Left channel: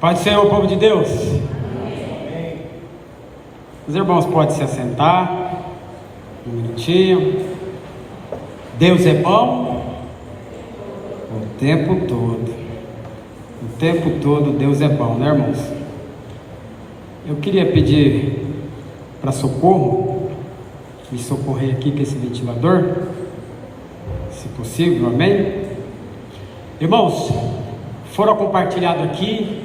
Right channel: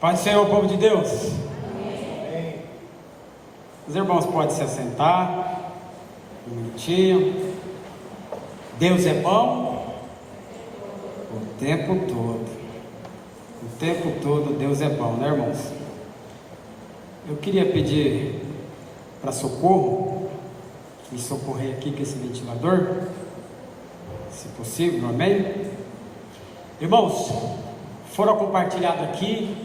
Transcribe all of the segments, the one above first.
Paz do Senhor, povo de Deus. Amém. Os irmãos podem se assentar um minutinho. Deus é bom o tempo todo. O tempo todo Deus é bom, né, irmãos? Eu queria pedir para socorro, me socorrer aqui com esse ventilador, se possível, amém? Irmãos, foram compartilhados aqui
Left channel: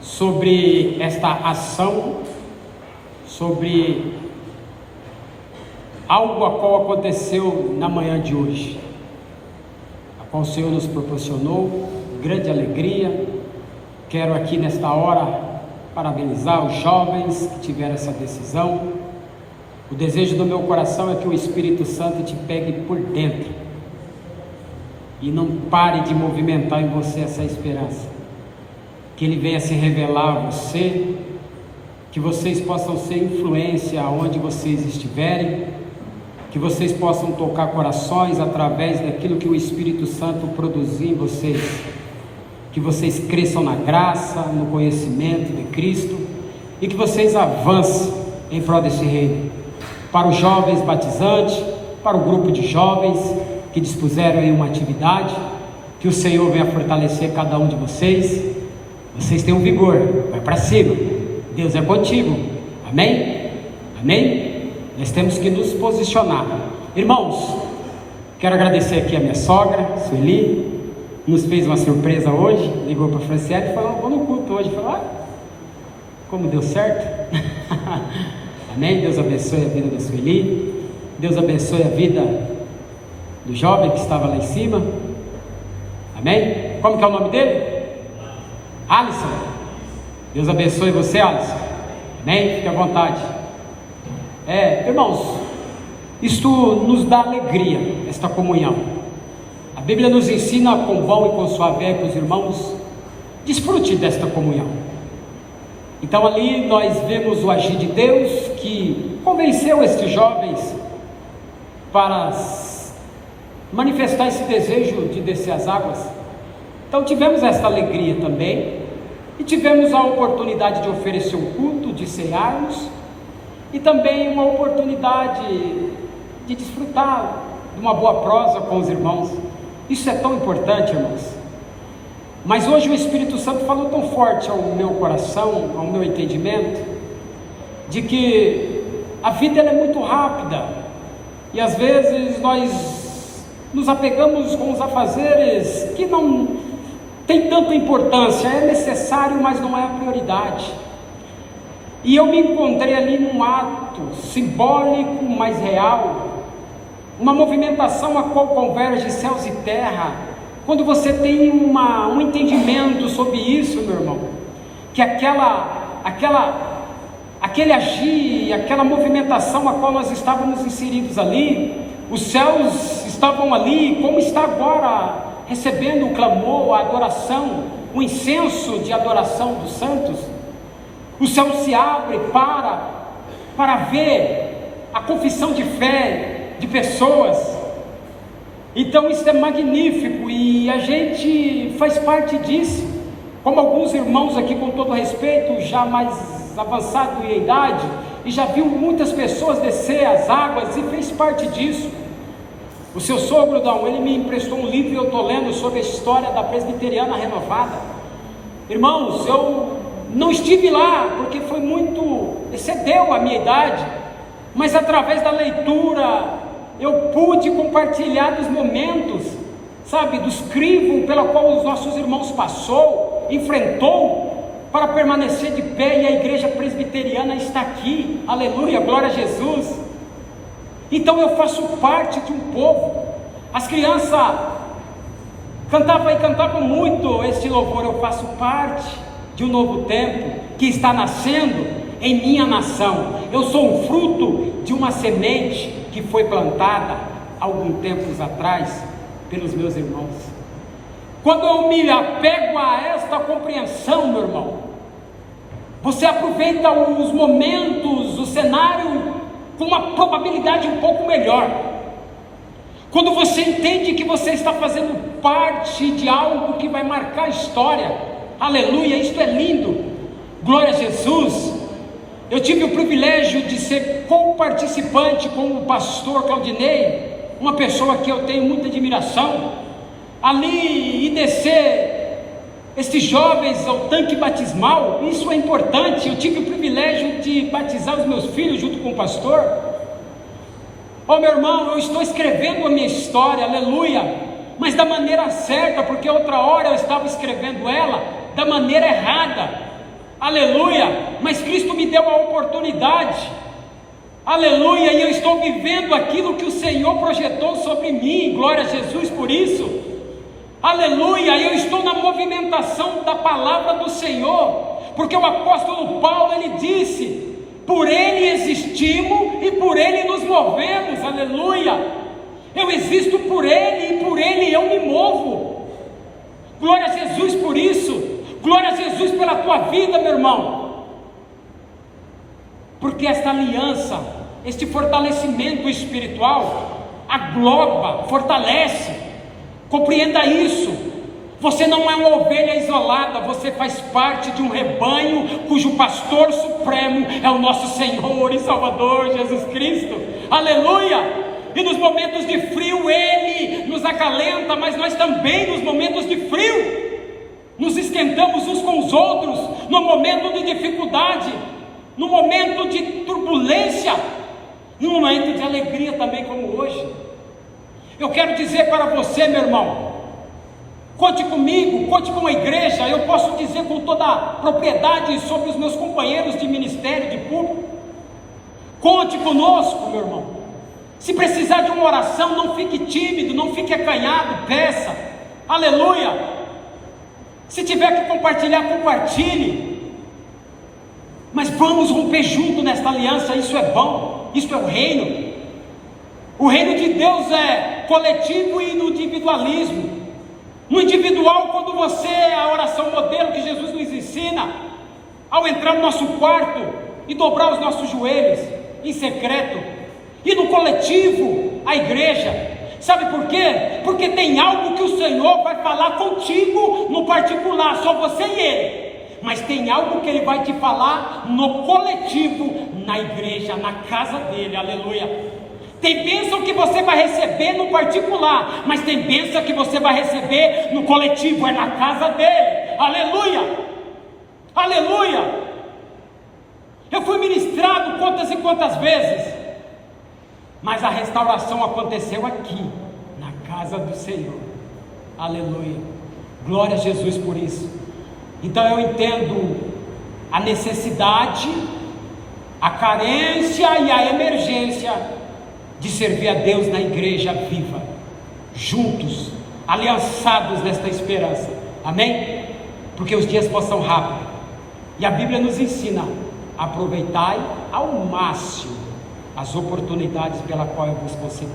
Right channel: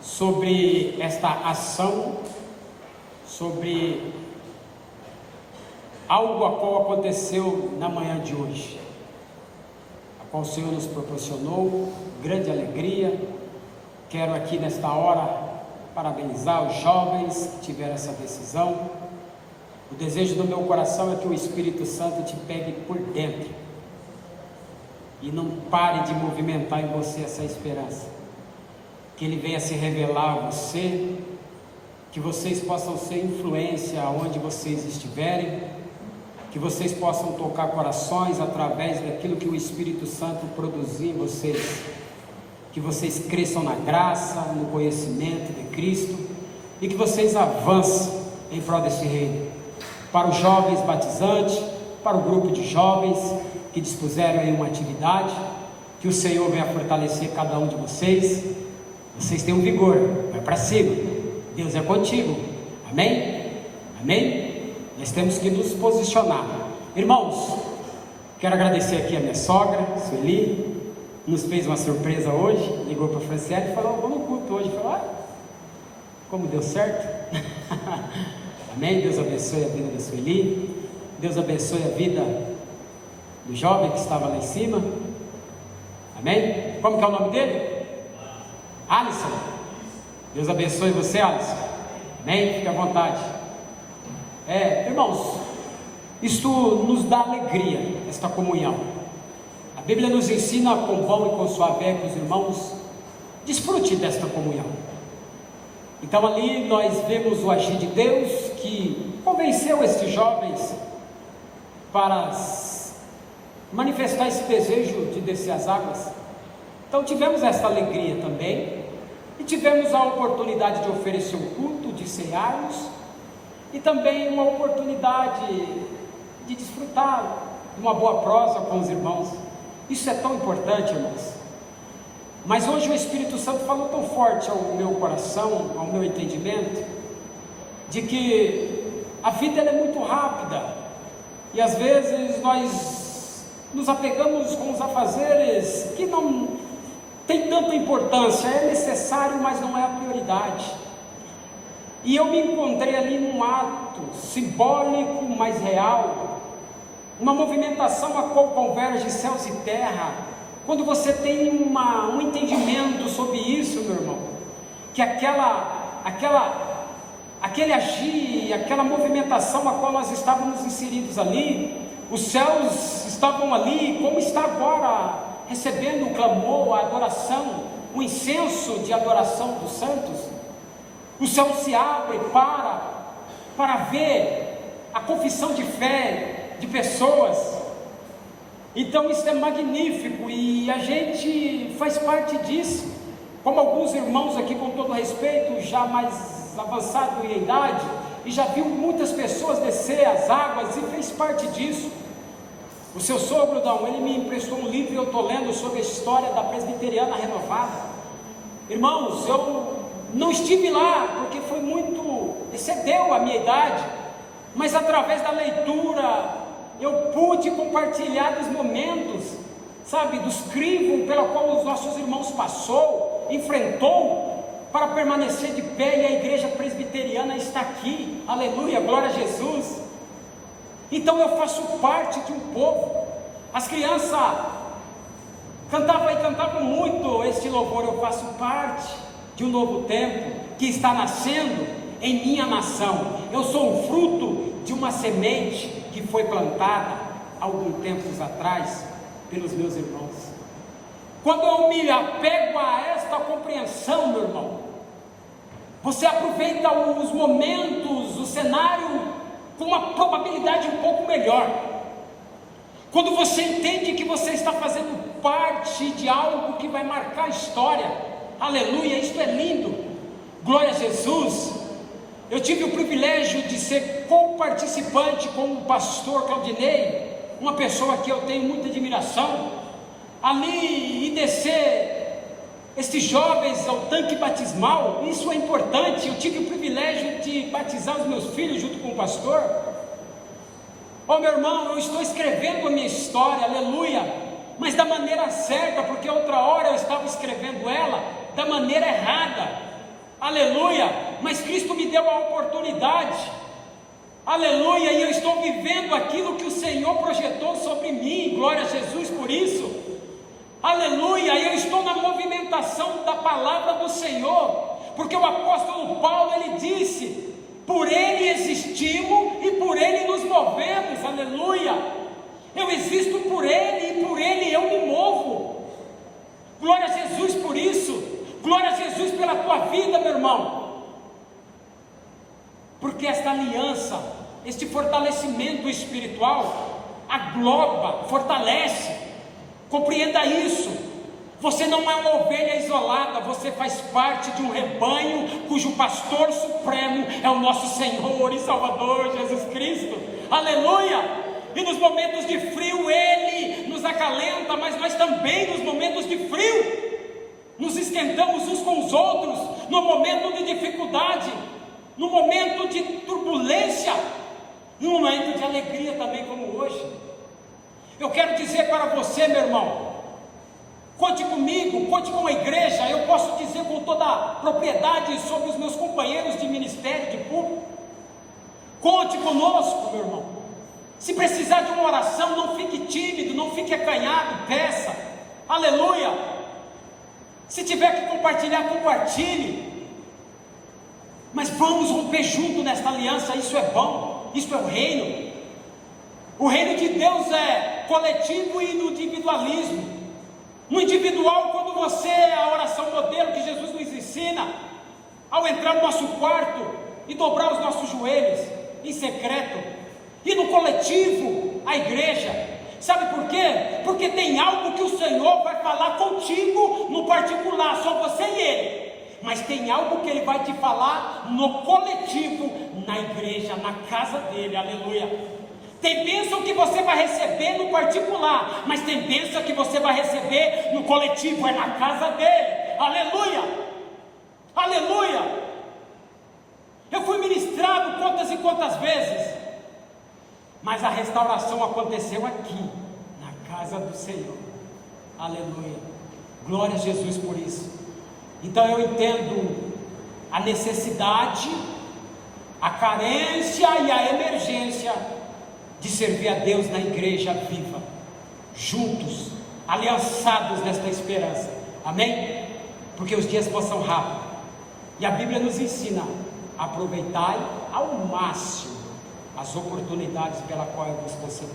sobre esta ação, sobre algo a qual aconteceu na manhã de hoje, a qual o Senhor nos proporcionou grande alegria. Quero aqui nesta hora parabenizar os jovens que tiveram essa decisão. O desejo do meu coração é que o Espírito Santo te pegue por dentro e não pare de movimentar em você essa esperança, que Ele venha se revelar a você, que vocês possam ser influência aonde vocês estiverem, que vocês possam tocar corações através daquilo que o Espírito Santo produzir em vocês, que vocês cresçam na graça, no conhecimento de Cristo, e que vocês avancem em prol desse reino. Para os jovens batizantes, para o grupo de jovens que dispuseram em uma atividade, que o Senhor venha fortalecer cada um de vocês. Vocês têm um vigor, vai para cima, Deus é contigo, amém? Amém? Nós temos que nos posicionar. Irmãos, quero agradecer aqui a minha sogra, Sueli, nos fez uma surpresa hoje, ligou para a Franciele e falou: vou no culto hoje. Falou: como deu certo. Amém? Deus abençoe a vida da Sueli, Deus abençoe a vida do jovem que estava lá em cima, amém? Como que é o nome dele? Alisson. Deus abençoe você, Alisson, amém? Fique à vontade. Irmãos, isto nos dá alegria, esta comunhão. A Bíblia nos ensina com bom e com suave que os irmãos desfrute desta comunhão. Então ali nós vemos o agir de Deus, que convenceu estes jovens para manifestar esse desejo de descer as águas. Então tivemos esta alegria também, e tivemos a oportunidade de oferecer um culto, de cearmos, e também uma oportunidade de desfrutar de uma boa prosa com os irmãos. Isso é tão importante, irmãos. Mas hoje o Espírito Santo falou tão forte ao meu coração, ao meu entendimento, de que a vida ela é muito rápida, e às vezes nós nos apegamos com os afazeres que não tem tanta importância. É necessário, mas não é a prioridade. E eu me encontrei ali num ato simbólico, mas real, uma movimentação a qual converge céus e terra. Quando você tem um entendimento sobre isso, meu irmão, que aquele agir, aquela movimentação a qual nós estávamos inseridos ali, os céus estavam ali, como está agora, recebendo o clamor, a adoração, o incenso de adoração dos santos. O céu se abre para ver a confissão de fé de pessoas. Então isso é magnífico, e a gente faz parte disso, como alguns irmãos aqui, com todo respeito, já mais avançado em idade, e já viu muitas pessoas descer as águas e fez parte disso. O seu sogro, ele me emprestou um livro e eu estou lendo sobre a história da presbiteriana renovada. Irmãos, eu não estive lá porque foi excedeu a minha idade, mas através da leitura eu pude compartilhar dos momentos, dos crivos pela qual os nossos irmãos enfrentou, para permanecer de pé, e a igreja presbiteriana está aqui, aleluia, glória a Jesus. Então eu faço parte de um povo. As crianças cantavam muito este louvor. Eu faço parte de um novo tempo que está nascendo em minha nação. Eu sou um fruto de uma semente que foi plantada há algum tempo atrás pelos meus irmãos. Quando eu me apego a esta compreensão, meu irmão, você aproveita os momentos, o cenário com uma probabilidade um pouco melhor. Quando você entende que você está fazendo parte de algo que vai marcar a história, Aleluia, isto é lindo. Glória a Jesus. Eu tive o privilégio de ser co-participante com o pastor Claudinei, uma pessoa que eu tenho muita admiração, ali e descer estes jovens ao tanque batismal. Isso é importante. Eu tive o privilégio de batizar os meus filhos junto com o pastor. Oh, meu irmão, eu estou escrevendo a minha história, aleluia, mas da maneira certa, porque outra hora eu estava escrevendo ela da maneira errada, aleluia, mas Cristo me deu a oportunidade, aleluia, e eu estou vivendo aquilo que o Senhor projetou sobre mim, glória a Jesus por isso, aleluia. Eu estou na movimentação da palavra do Senhor, porque o apóstolo Paulo, ele disse: por Ele existimos e por Ele nos movemos, aleluia. Eu existo por Ele e por Ele eu me movo. Glória a Jesus por isso. Glória a Jesus pela tua vida, meu irmão. Porque esta aliança, este fortalecimento espiritual, agloba, fortalece. Compreenda isso. Você não é uma ovelha isolada, você faz parte de um rebanho cujo pastor supremo é o nosso Senhor e Salvador Jesus Cristo, aleluia. E nos momentos de frio Ele nos acalenta, mas nós também nos momentos de frio nos esquentamos uns com os outros, no momento de dificuldade, no momento de turbulência, no momento de alegria também, como hoje. Eu quero dizer para você, meu irmão, conte comigo, conte com a igreja. Eu posso dizer com toda a propriedade sobre os meus companheiros de ministério, de público. Conte conosco, meu irmão. Se precisar de uma oração, não fique tímido, não fique acanhado, peça, aleluia. Se tiver que compartilhar, compartilhe. Mas vamos romper junto nesta aliança, isso é bom, isso é o reino. O reino de Deus é coletivo e no individualismo. No individual, quando você, a oração modelo que Jesus nos ensina, ao entrar no nosso quarto e dobrar os nossos joelhos em secreto. E no coletivo, a igreja. Sabe por quê? Porque tem algo que o Senhor vai falar contigo no particular, só você e Ele. Mas tem algo que Ele vai te falar no coletivo, na igreja, na casa dEle, aleluia. Tem bênção que você vai receber no particular, mas tem bênção que você vai receber no coletivo, é na casa dele, aleluia, aleluia. Eu fui ministrado quantas e quantas vezes, mas a restauração aconteceu aqui, na casa do Senhor, aleluia, glória a Jesus por isso. Então eu entendo a necessidade, a carência e a emergência de servir a Deus na igreja viva, juntos, aliançados nesta esperança, amém? Porque os dias passam rápido, e a Bíblia nos ensina: aproveitai ao máximo as oportunidades pela qual eu vos concedi,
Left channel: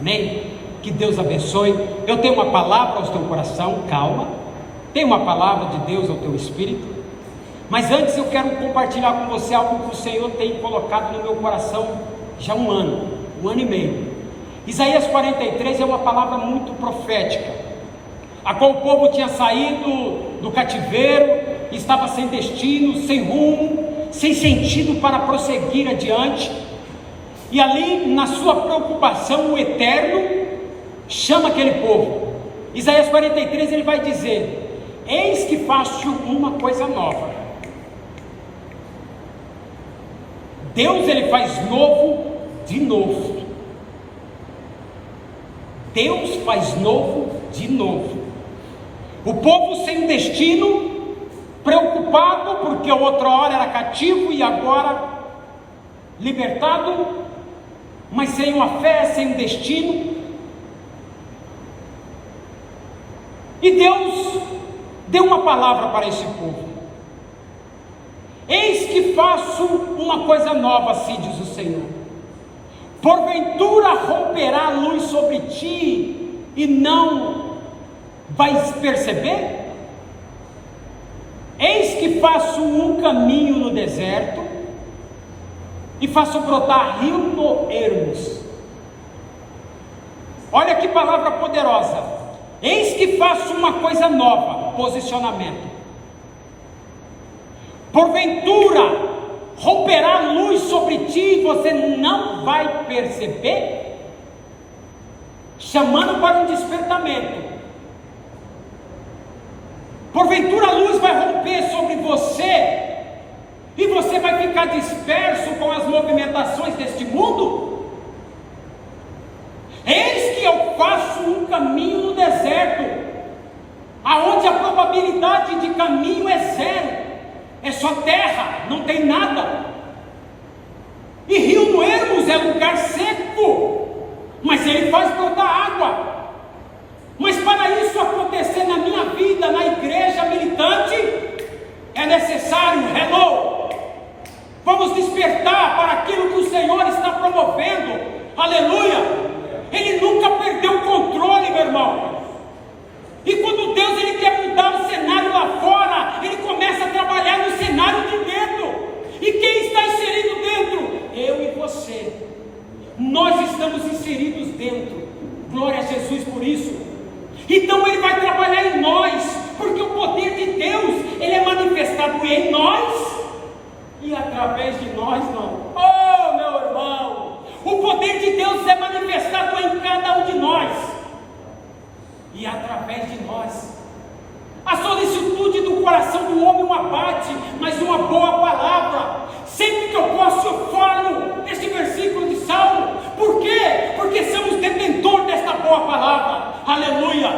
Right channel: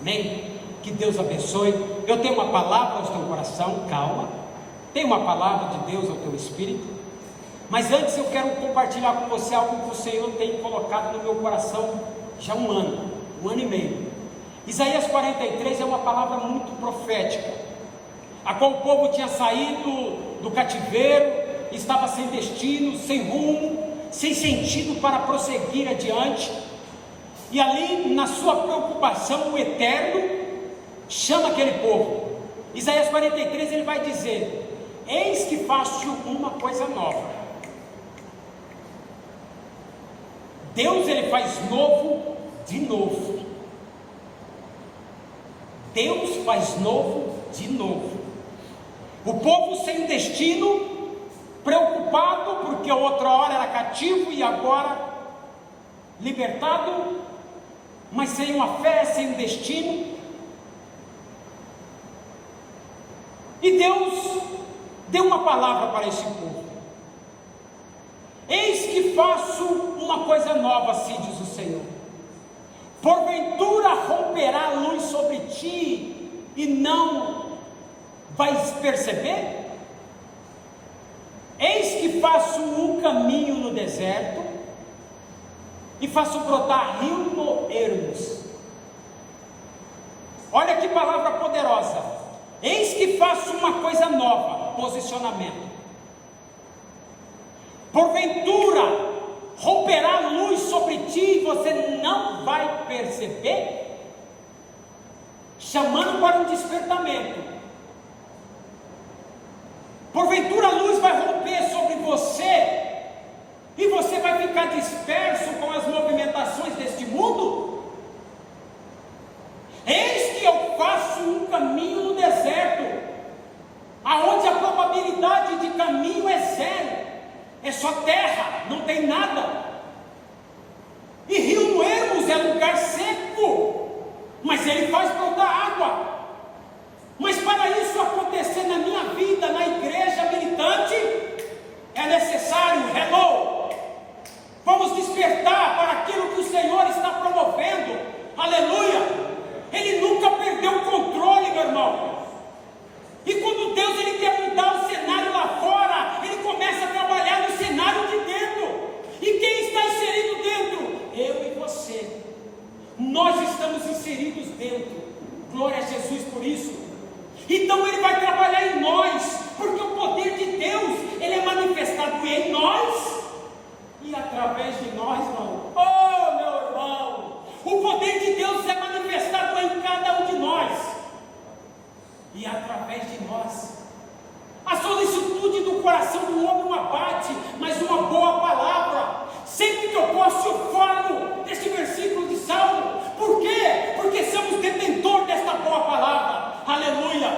amém? Que Deus abençoe. Eu tenho uma palavra ao teu coração, calma, tenho uma palavra de Deus ao teu espírito, mas antes eu quero compartilhar com você algo que o Senhor tem colocado no meu coração já há um ano e meio. Isaías 43 é uma palavra muito profética, a qual o povo tinha saído do cativeiro, estava sem destino, sem rumo, sem sentido para prosseguir adiante, e ali na sua preocupação o Eterno chama aquele povo. Isaías 43 ele vai dizer: eis que faço uma coisa nova. Deus ele faz novo de novo. Deus faz novo de novo. O povo sem destino, preocupado porque outra hora era cativo e agora libertado, mas sem uma fé, sem um destino. E Deus deu uma palavra para esse povo: eis que faço uma coisa nova, assim diz o Senhor. Porventura romperá a luz sobre ti e não vais perceber? Eis que faço um caminho no deserto e faço brotar rio no ermos. Olha que palavra poderosa. Eis que faço uma coisa nova, posicionamento. porventura romperá a luz sobre ti e você não vai perceber, chamando para um despertamento. Porventura a luz vai romper sobre você e você vai ficar disperso com as movimentações deste mundo? Eis que eu faço um caminho no deserto, aonde a probabilidade de caminho é zero, é só terra, não tem nada. E rio no ermos é lugar seco, mas ele faz brotar água. Mas para isso acontecer na minha vida, na igreja militante, é necessário, vamos despertar para aquilo que o Senhor está promovendo, aleluia. Ele nunca perdeu o controle, meu irmão. E quando Deus ele quer mudar o cenário lá fora, ele começa a trabalhar no cenário de dentro. E quem está inserido dentro? Eu e você. Nós estamos inseridos dentro. Glória a Jesus por isso. Então ele vai trabalhar em nós, porque o poder de Deus ele é manifestado em nós e através de nós não. Oh, meu irmão, o poder de Deus é manifestado em cada um de nós e através de nós. A solicitude do coração do homem não abate, mas uma boa palavra. Sempre que eu posso, eu falo deste versículo de Salmo. Por quê? Porque somos detentor desta boa palavra. Aleluia.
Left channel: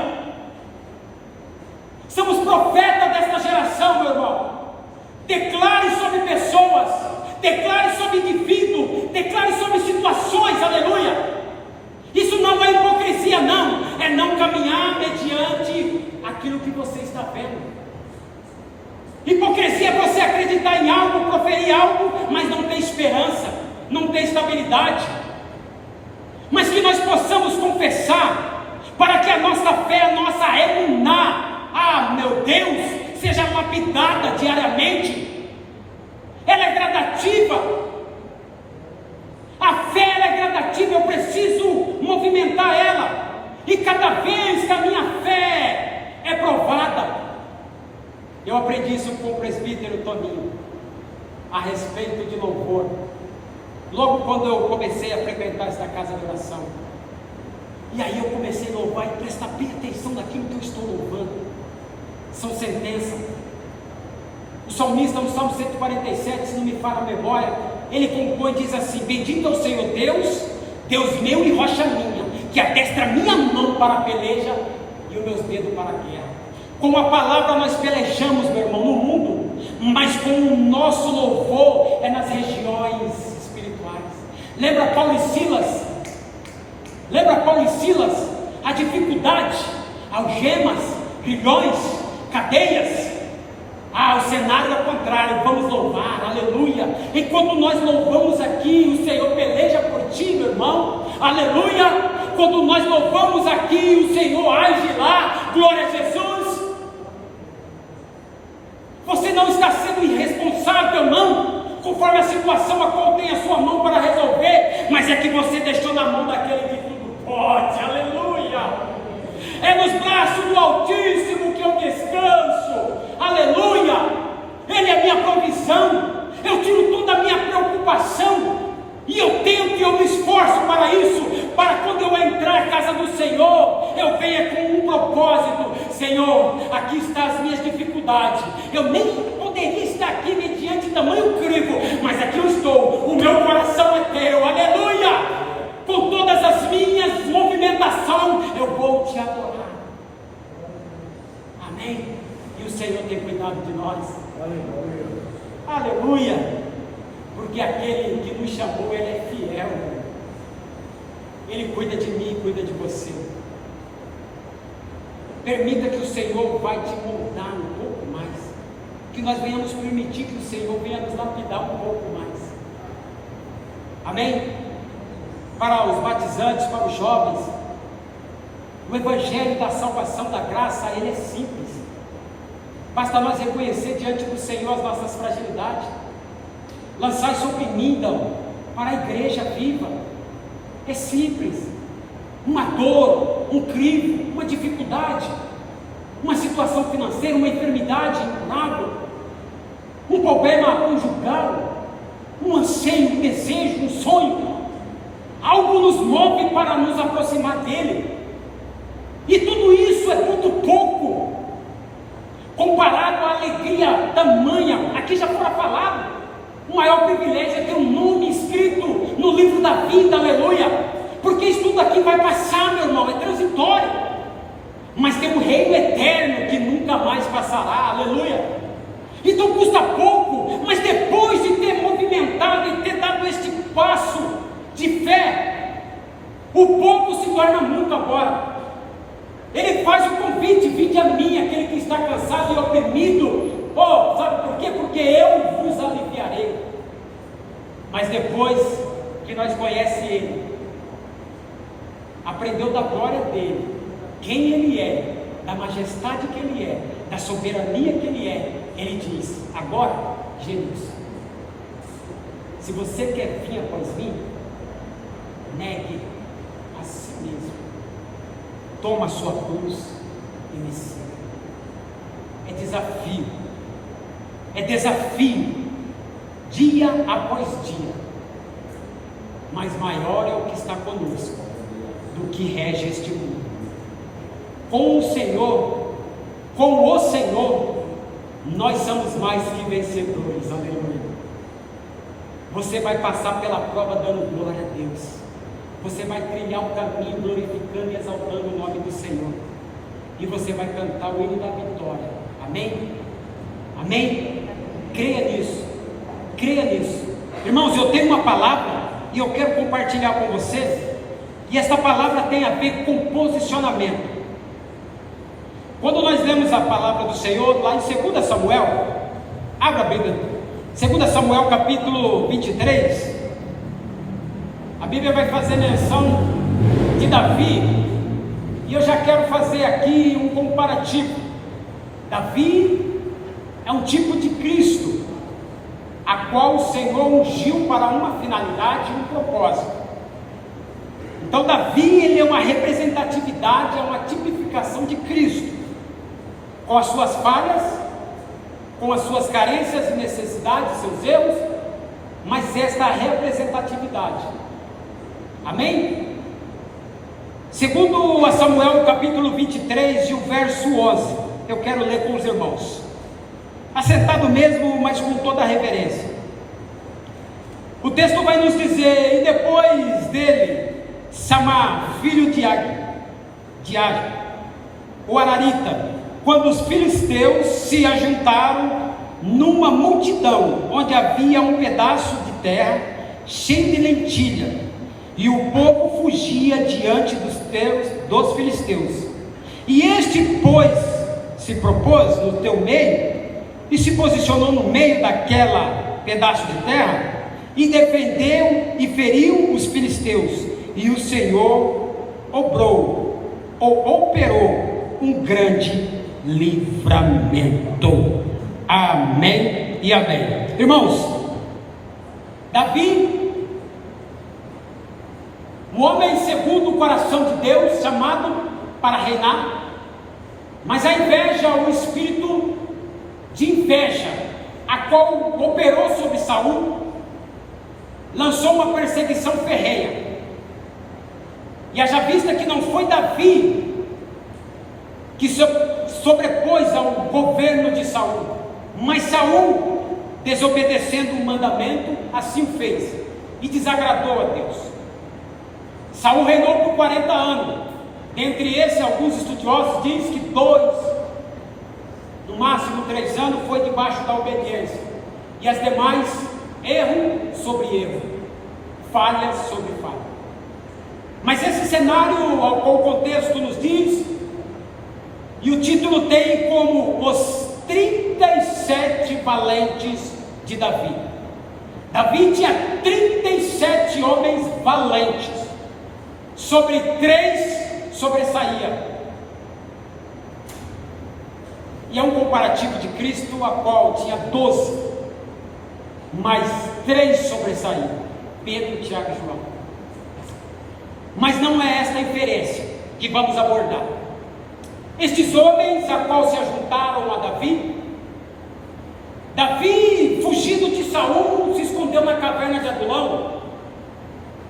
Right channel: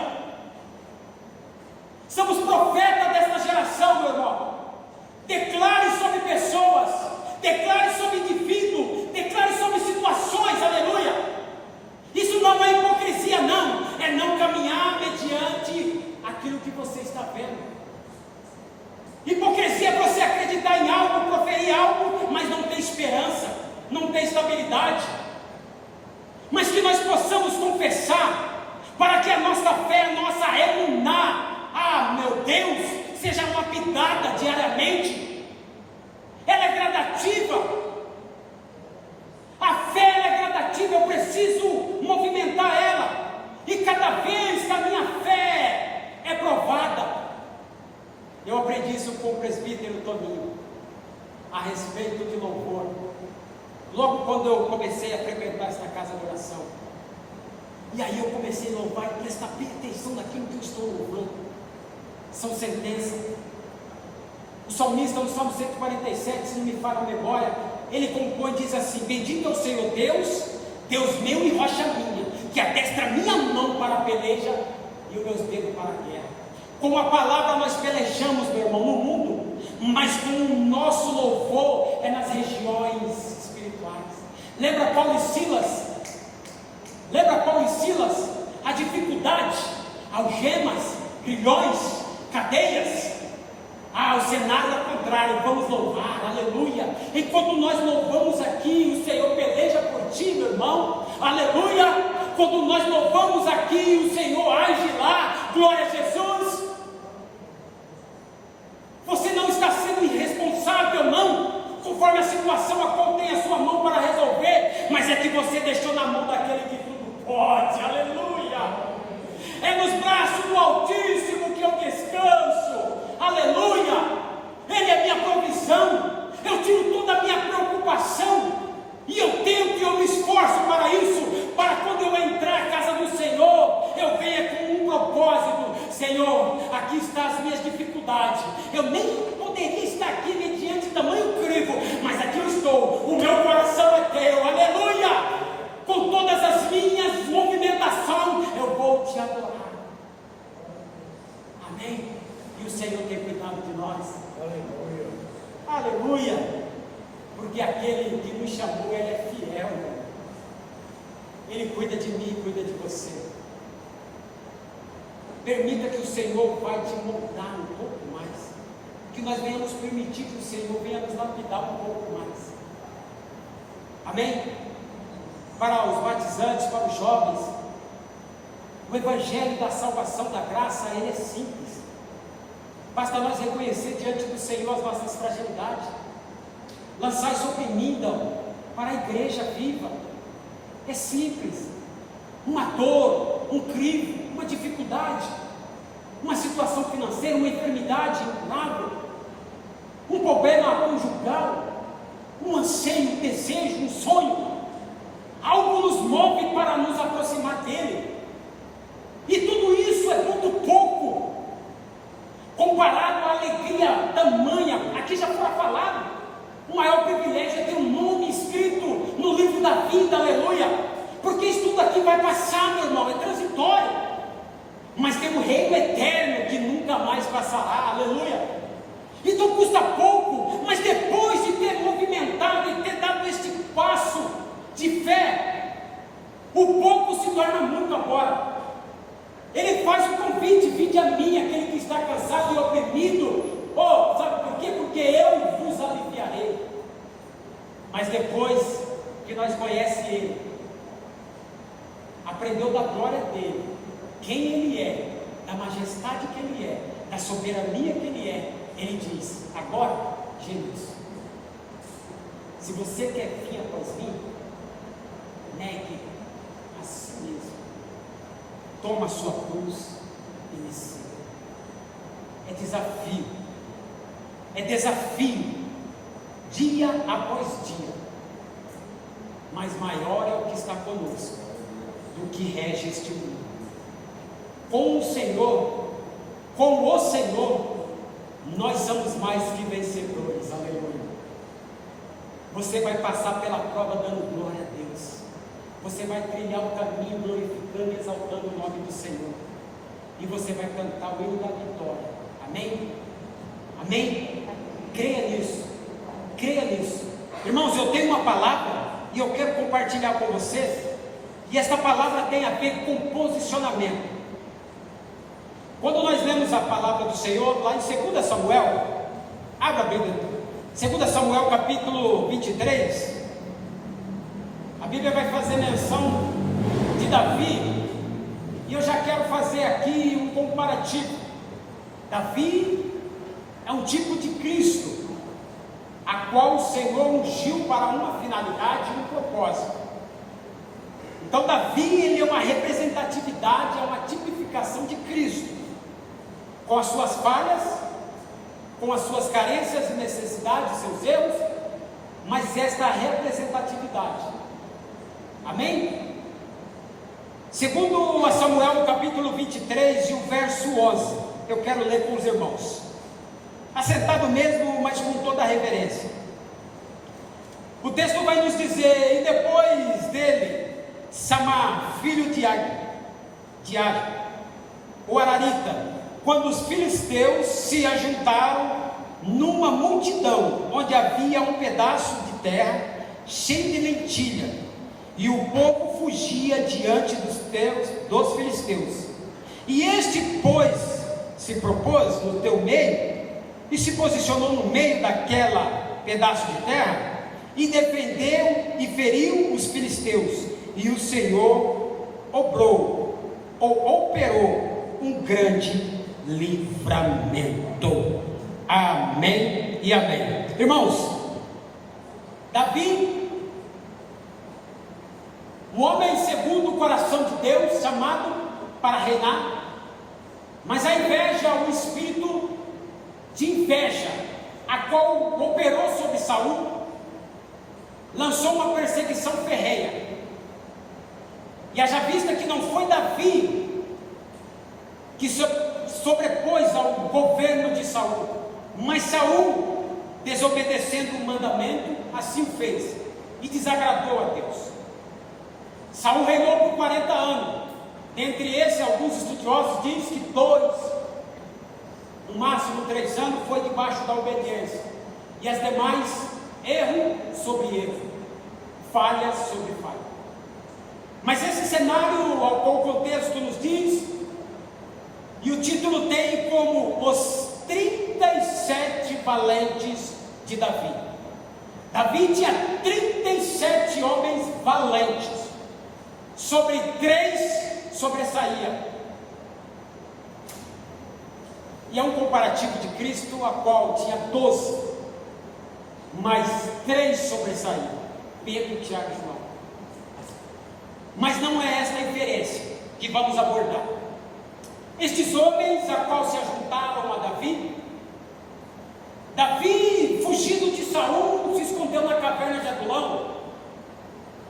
Somos profetas desta geração, meu irmão. Declare sobre pessoas, declare sobre indivíduos, declare sobre situações, aleluia. Isso não é hipocrisia, não. É não caminhar mediante aquilo que você está vendo. Hipocrisia é você acreditar em algo, proferir algo, mas não ter esperança, não ter estabilidade. Mas que nós possamos confessar, para que a nossa fé, a nossa emuná, meu Deus, seja lapidada diariamente. Ela é gradativa. A fé ela é gradativa, eu preciso movimentar ela. E cada vez que a minha fé é provada. Eu aprendi isso com o presbítero Toninho, a respeito de louvor. Logo quando eu comecei a frequentar esta casa de oração. E aí eu comecei a louvar e prestar bem atenção naquilo que eu estou louvando. São sentenças. O salmista, no Salmo 147, se não me falha a memória, ele compõe e diz assim: bendito é o Senhor Deus, Deus meu e rocha minha, que adestra minha mão para a peleja e os meus dedos para a guerra. Com a palavra nós pelejamos, meu irmão, no mundo, mas com o nosso louvor é nas regiões espirituais. Lembra Paulo e Silas? A dificuldade, algemas, grilhões, cadeias. O cenário é contrário, vamos louvar, aleluia. E quando nós louvamos aqui, o Senhor peleja por ti, meu irmão, aleluia. Quando nós louvamos aqui, o Senhor age lá, glória a Jesus. Você não está sendo irresponsável, não, conforme a situação a qual tem a sua mão para resolver, mas é que você deixou na mão daquele que tudo pode, aleluia. É nos braços do Altíssimo que eu descanso, aleluia. Ele é minha provisão, eu tiro toda a minha preocupação, e eu me esforço para isso, para quando eu entrar na casa do Senhor, eu venha com um propósito: Senhor, aqui estão as minhas dificuldades, eu nem poderia estar aqui mediante tamanho crivo, mas aqui eu estou, o meu coração é teu, aleluia. Com todas as minhas movimentações, eu vou te adorar. Amém? E o Senhor tem cuidado de nós. Aleluia. Aleluia. Porque aquele que nos chamou, Ele é fiel. Ele cuida de mim e cuida de você. Permita que o Senhor vai te moldar um pouco mais. Que nós venhamos permitir que o Senhor venha nos lapidar um pouco mais. Amém? Para os batizantes, para os jovens, o Evangelho da salvação, da graça, ele é simples. Basta nós reconhecer diante do Senhor as nossas fragilidades. Lançar sobre mim, para a igreja viva. É simples. Uma dor, um crivo, uma dificuldade, uma situação financeira, uma enfermidade incurável, um problema conjugal, um anseio, um desejo, um sonho, algo nos move para nos aproximar dele. E tudo isso é muito pouco comparado à alegria tamanha. Aqui já fora falado, o maior privilégio é ter um nome escrito no livro da vida, aleluia, porque isso tudo aqui vai passar, meu irmão, é transitório, mas tem um reino eterno que nunca mais passará, aleluia. Então custa pouco, mas depois de ter movimentado e ter dado este passo de fé, o pouco se torna muito agora. Ele faz o convite: vinde a mim, aquele que está cansado e oprimido. Sabe por quê? Porque eu vos aliviarei. Mas depois que nós conhecemos Ele, aprendeu da glória dEle, quem Ele é, da majestade que Ele é, da soberania que Ele é, Ele diz: agora, Jesus, se você quer vir após mim, negue a si mesmo, toma a sua cruz e me siga. É desafio, dia após dia, mas maior é o que está conosco do que rege este mundo. Com o Senhor, nós somos mais que vencedores, aleluia. Você vai passar pela prova dando glória a Deus, você vai trilhar o caminho glorificando e exaltando o nome do Senhor, e você vai cantar o hino da vitória, amém? Amém? Creia nisso, creia nisso. Irmãos, eu tenho uma palavra e eu quero compartilhar com vocês, e essa palavra tem a ver com posicionamento. Quando nós lemos a palavra do Senhor lá em 2 Samuel, abra a Bíblia, 2 Samuel capítulo 23, a Bíblia vai fazer menção de Davi, e eu já quero fazer aqui um comparativo. Davi é um tipo de Cristo, a qual o Senhor ungiu para uma finalidade e um propósito. Então Davi, ele é uma representatividade, é uma tipificação de Cristo, com as suas falhas, com as suas carências e necessidades, seus erros, mas esta representatividade, amém? Segundo a Samuel capítulo 23 e o verso 11, eu quero ler com os irmãos, assentado mesmo, mas com toda a reverência. O texto vai nos dizer: e depois dele, Samar, filho de Agi, o Ararita, quando os filisteus se ajuntaram numa multidão, onde havia um pedaço de terra cheio de lentilha, e o povo fugia diante dos filisteus, e este, pois, se propôs no teu meio, e se posicionou no meio daquela pedaço de terra, e defendeu e feriu os filisteus, e o Senhor operou um grande livramento. Amém e amém. Irmãos, Davi, um homem segundo o coração de Deus, chamado para reinar, mas a inveja, o espírito de inveja, a qual operou sobre Saul, lançou uma perseguição ferrenha. E haja vista que não foi Davi que se sobrepôs ao governo de Saul, mas Saul, desobedecendo o mandamento, assim o fez e desagradou a Deus. Saul reinou por 40 anos. Dentre esses, alguns estudiosos dizem que 2, no máximo 3 anos, foi debaixo da obediência, e as demais, erro sobre erro, falha sobre falha. Mas esse cenário, ao qual o contexto nos diz, e o título tem como os 37 valentes de Davi. Davi tinha 37 homens valentes, sobre 3 sobressaía. E é um comparativo de Cristo, a qual tinha 12, mas 3 sobressaíam: Pedro, Tiago e João. Mas não é esta a inferência que vamos abordar. Estes homens a qual se ajuntaram a Davi Saul se escondeu na caverna de Adulão.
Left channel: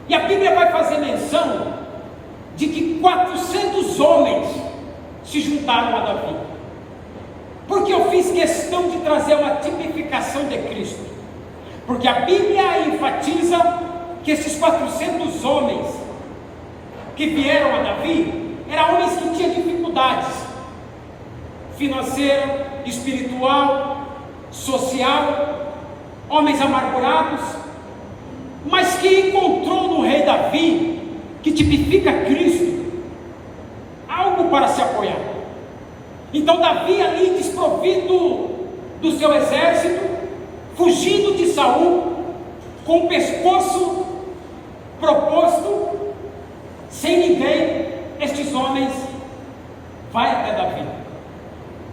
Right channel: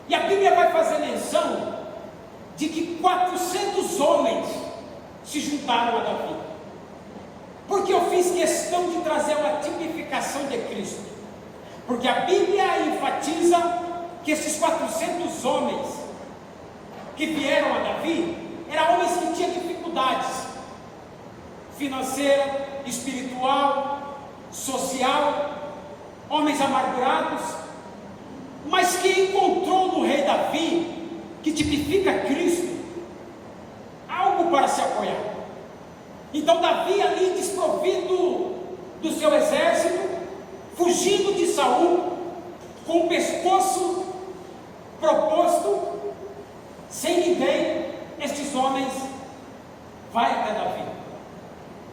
E a Bíblia vai fazer menção de que 400 homens se juntaram a Davi. Porque eu fiz questão de trazer uma tipificação de Cristo. Porque a Bíblia enfatiza que esses 400 homens que vieram a Davi eram homens que tinham dificuldades financeira, espiritual, social, homens amargurados, mas que encontrou no rei Davi, que tipifica Cristo, algo para se apoiar. Então Davi ali desprovido do seu exército, fugindo de Saul, com o pescoço proposto, sem ninguém, estes homens vai até Davi.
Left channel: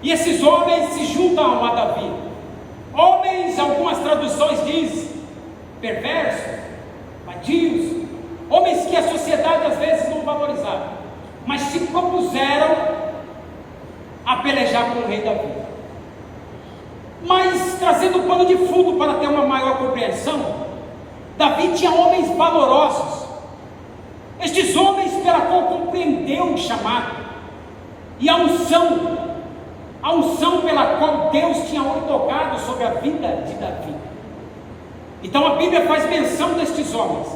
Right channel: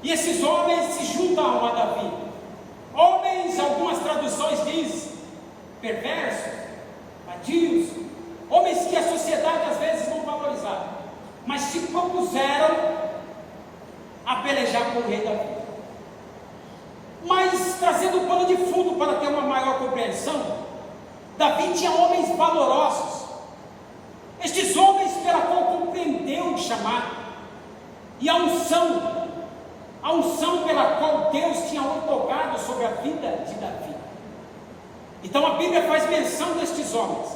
E esses homens se juntam a Davi. Homens, algumas traduções diz, perversos, vadios, homens que a sociedade às vezes não valorizava, mas se propuseram a pelejar com o rei Davi. Mas trazendo o pano de fundo para ter uma maior compreensão, Davi tinha homens valorosos. Estes homens pela qual compreendeu o chamado e a unção pela qual Deus tinha outorgado sobre a vida de Davi. Então a Bíblia faz menção destes homens.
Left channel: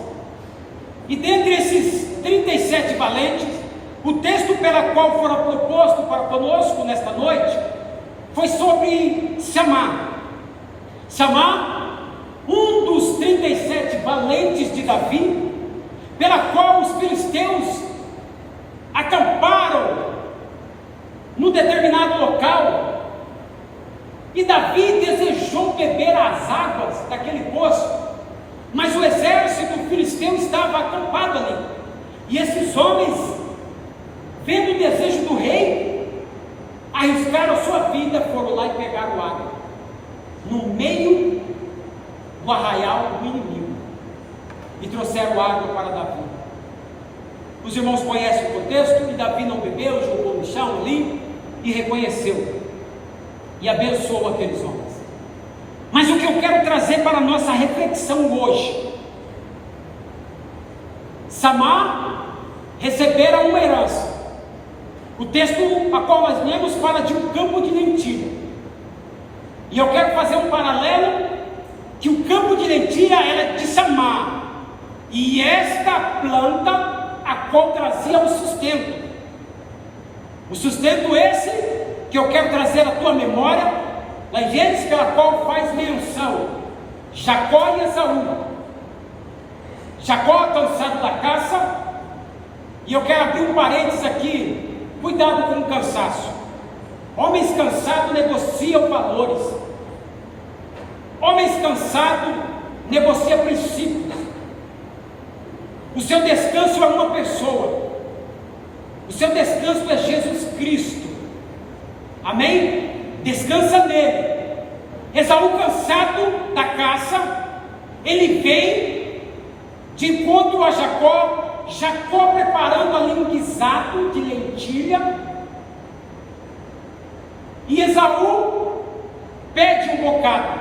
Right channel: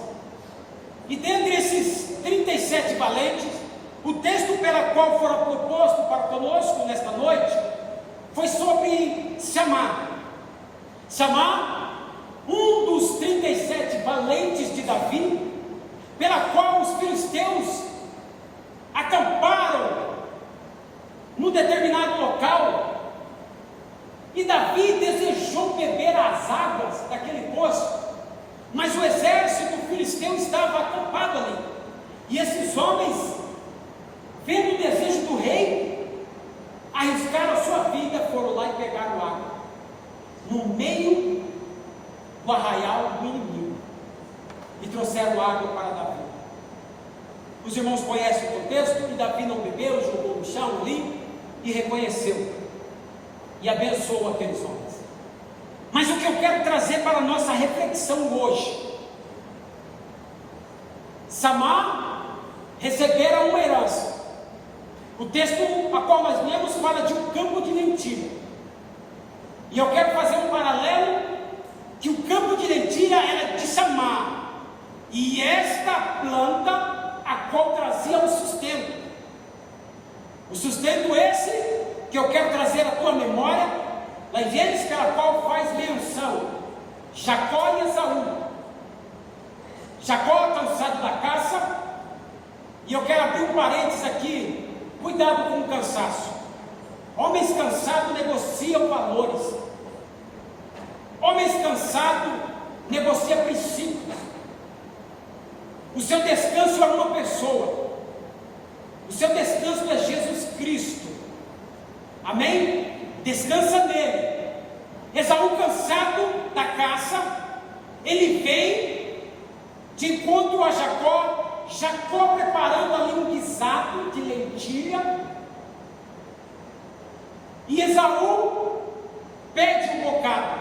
E dentre esses 37 valentes, o texto pela qual fora proposto para conosco nesta noite foi sobre Samá. Samá, um dos 37 valentes de Davi, pela qual os filisteus acamparam num determinado local, e Davi desejou beber as águas daquele poço, mas o exército filisteu estava acampado ali, e esses homens, vendo o desejo do rei, arriscaram a sua vida, foram lá e pegaram água, no meio do arraial do inimigo, e trouxeram água para Davi. Os irmãos conhecem o contexto, e Davi não bebeu, jogou no chão ali, e reconheceu, e abençoou aqueles homens. Mas o que eu quero trazer para a nossa reflexão hoje, Samá recebera uma herança. O texto a qual nós lemos fala de um campo de lentilha, e eu quero fazer um paralelo, que o campo de lentilha era de Samá, e esta planta a qual trazia o sustento. O sustento esse que eu quero trazer à tua memória, na Gênesis, pela qual faz menção Jacó e Esaú. Jacó cansado da caça, e eu quero abrir um parênteses aqui, cuidado com o cansaço. Homens cansados negociam valores, homens cansados negociam princípios. O seu descanso é uma pessoa, o seu descanso é Jesus Cristo, amém? Descansa nele. Esaú, cansado da caça, ele vem de encontro a Jacó, Jacó preparando ali um guisado de lentilha, e Esaú pede um bocado,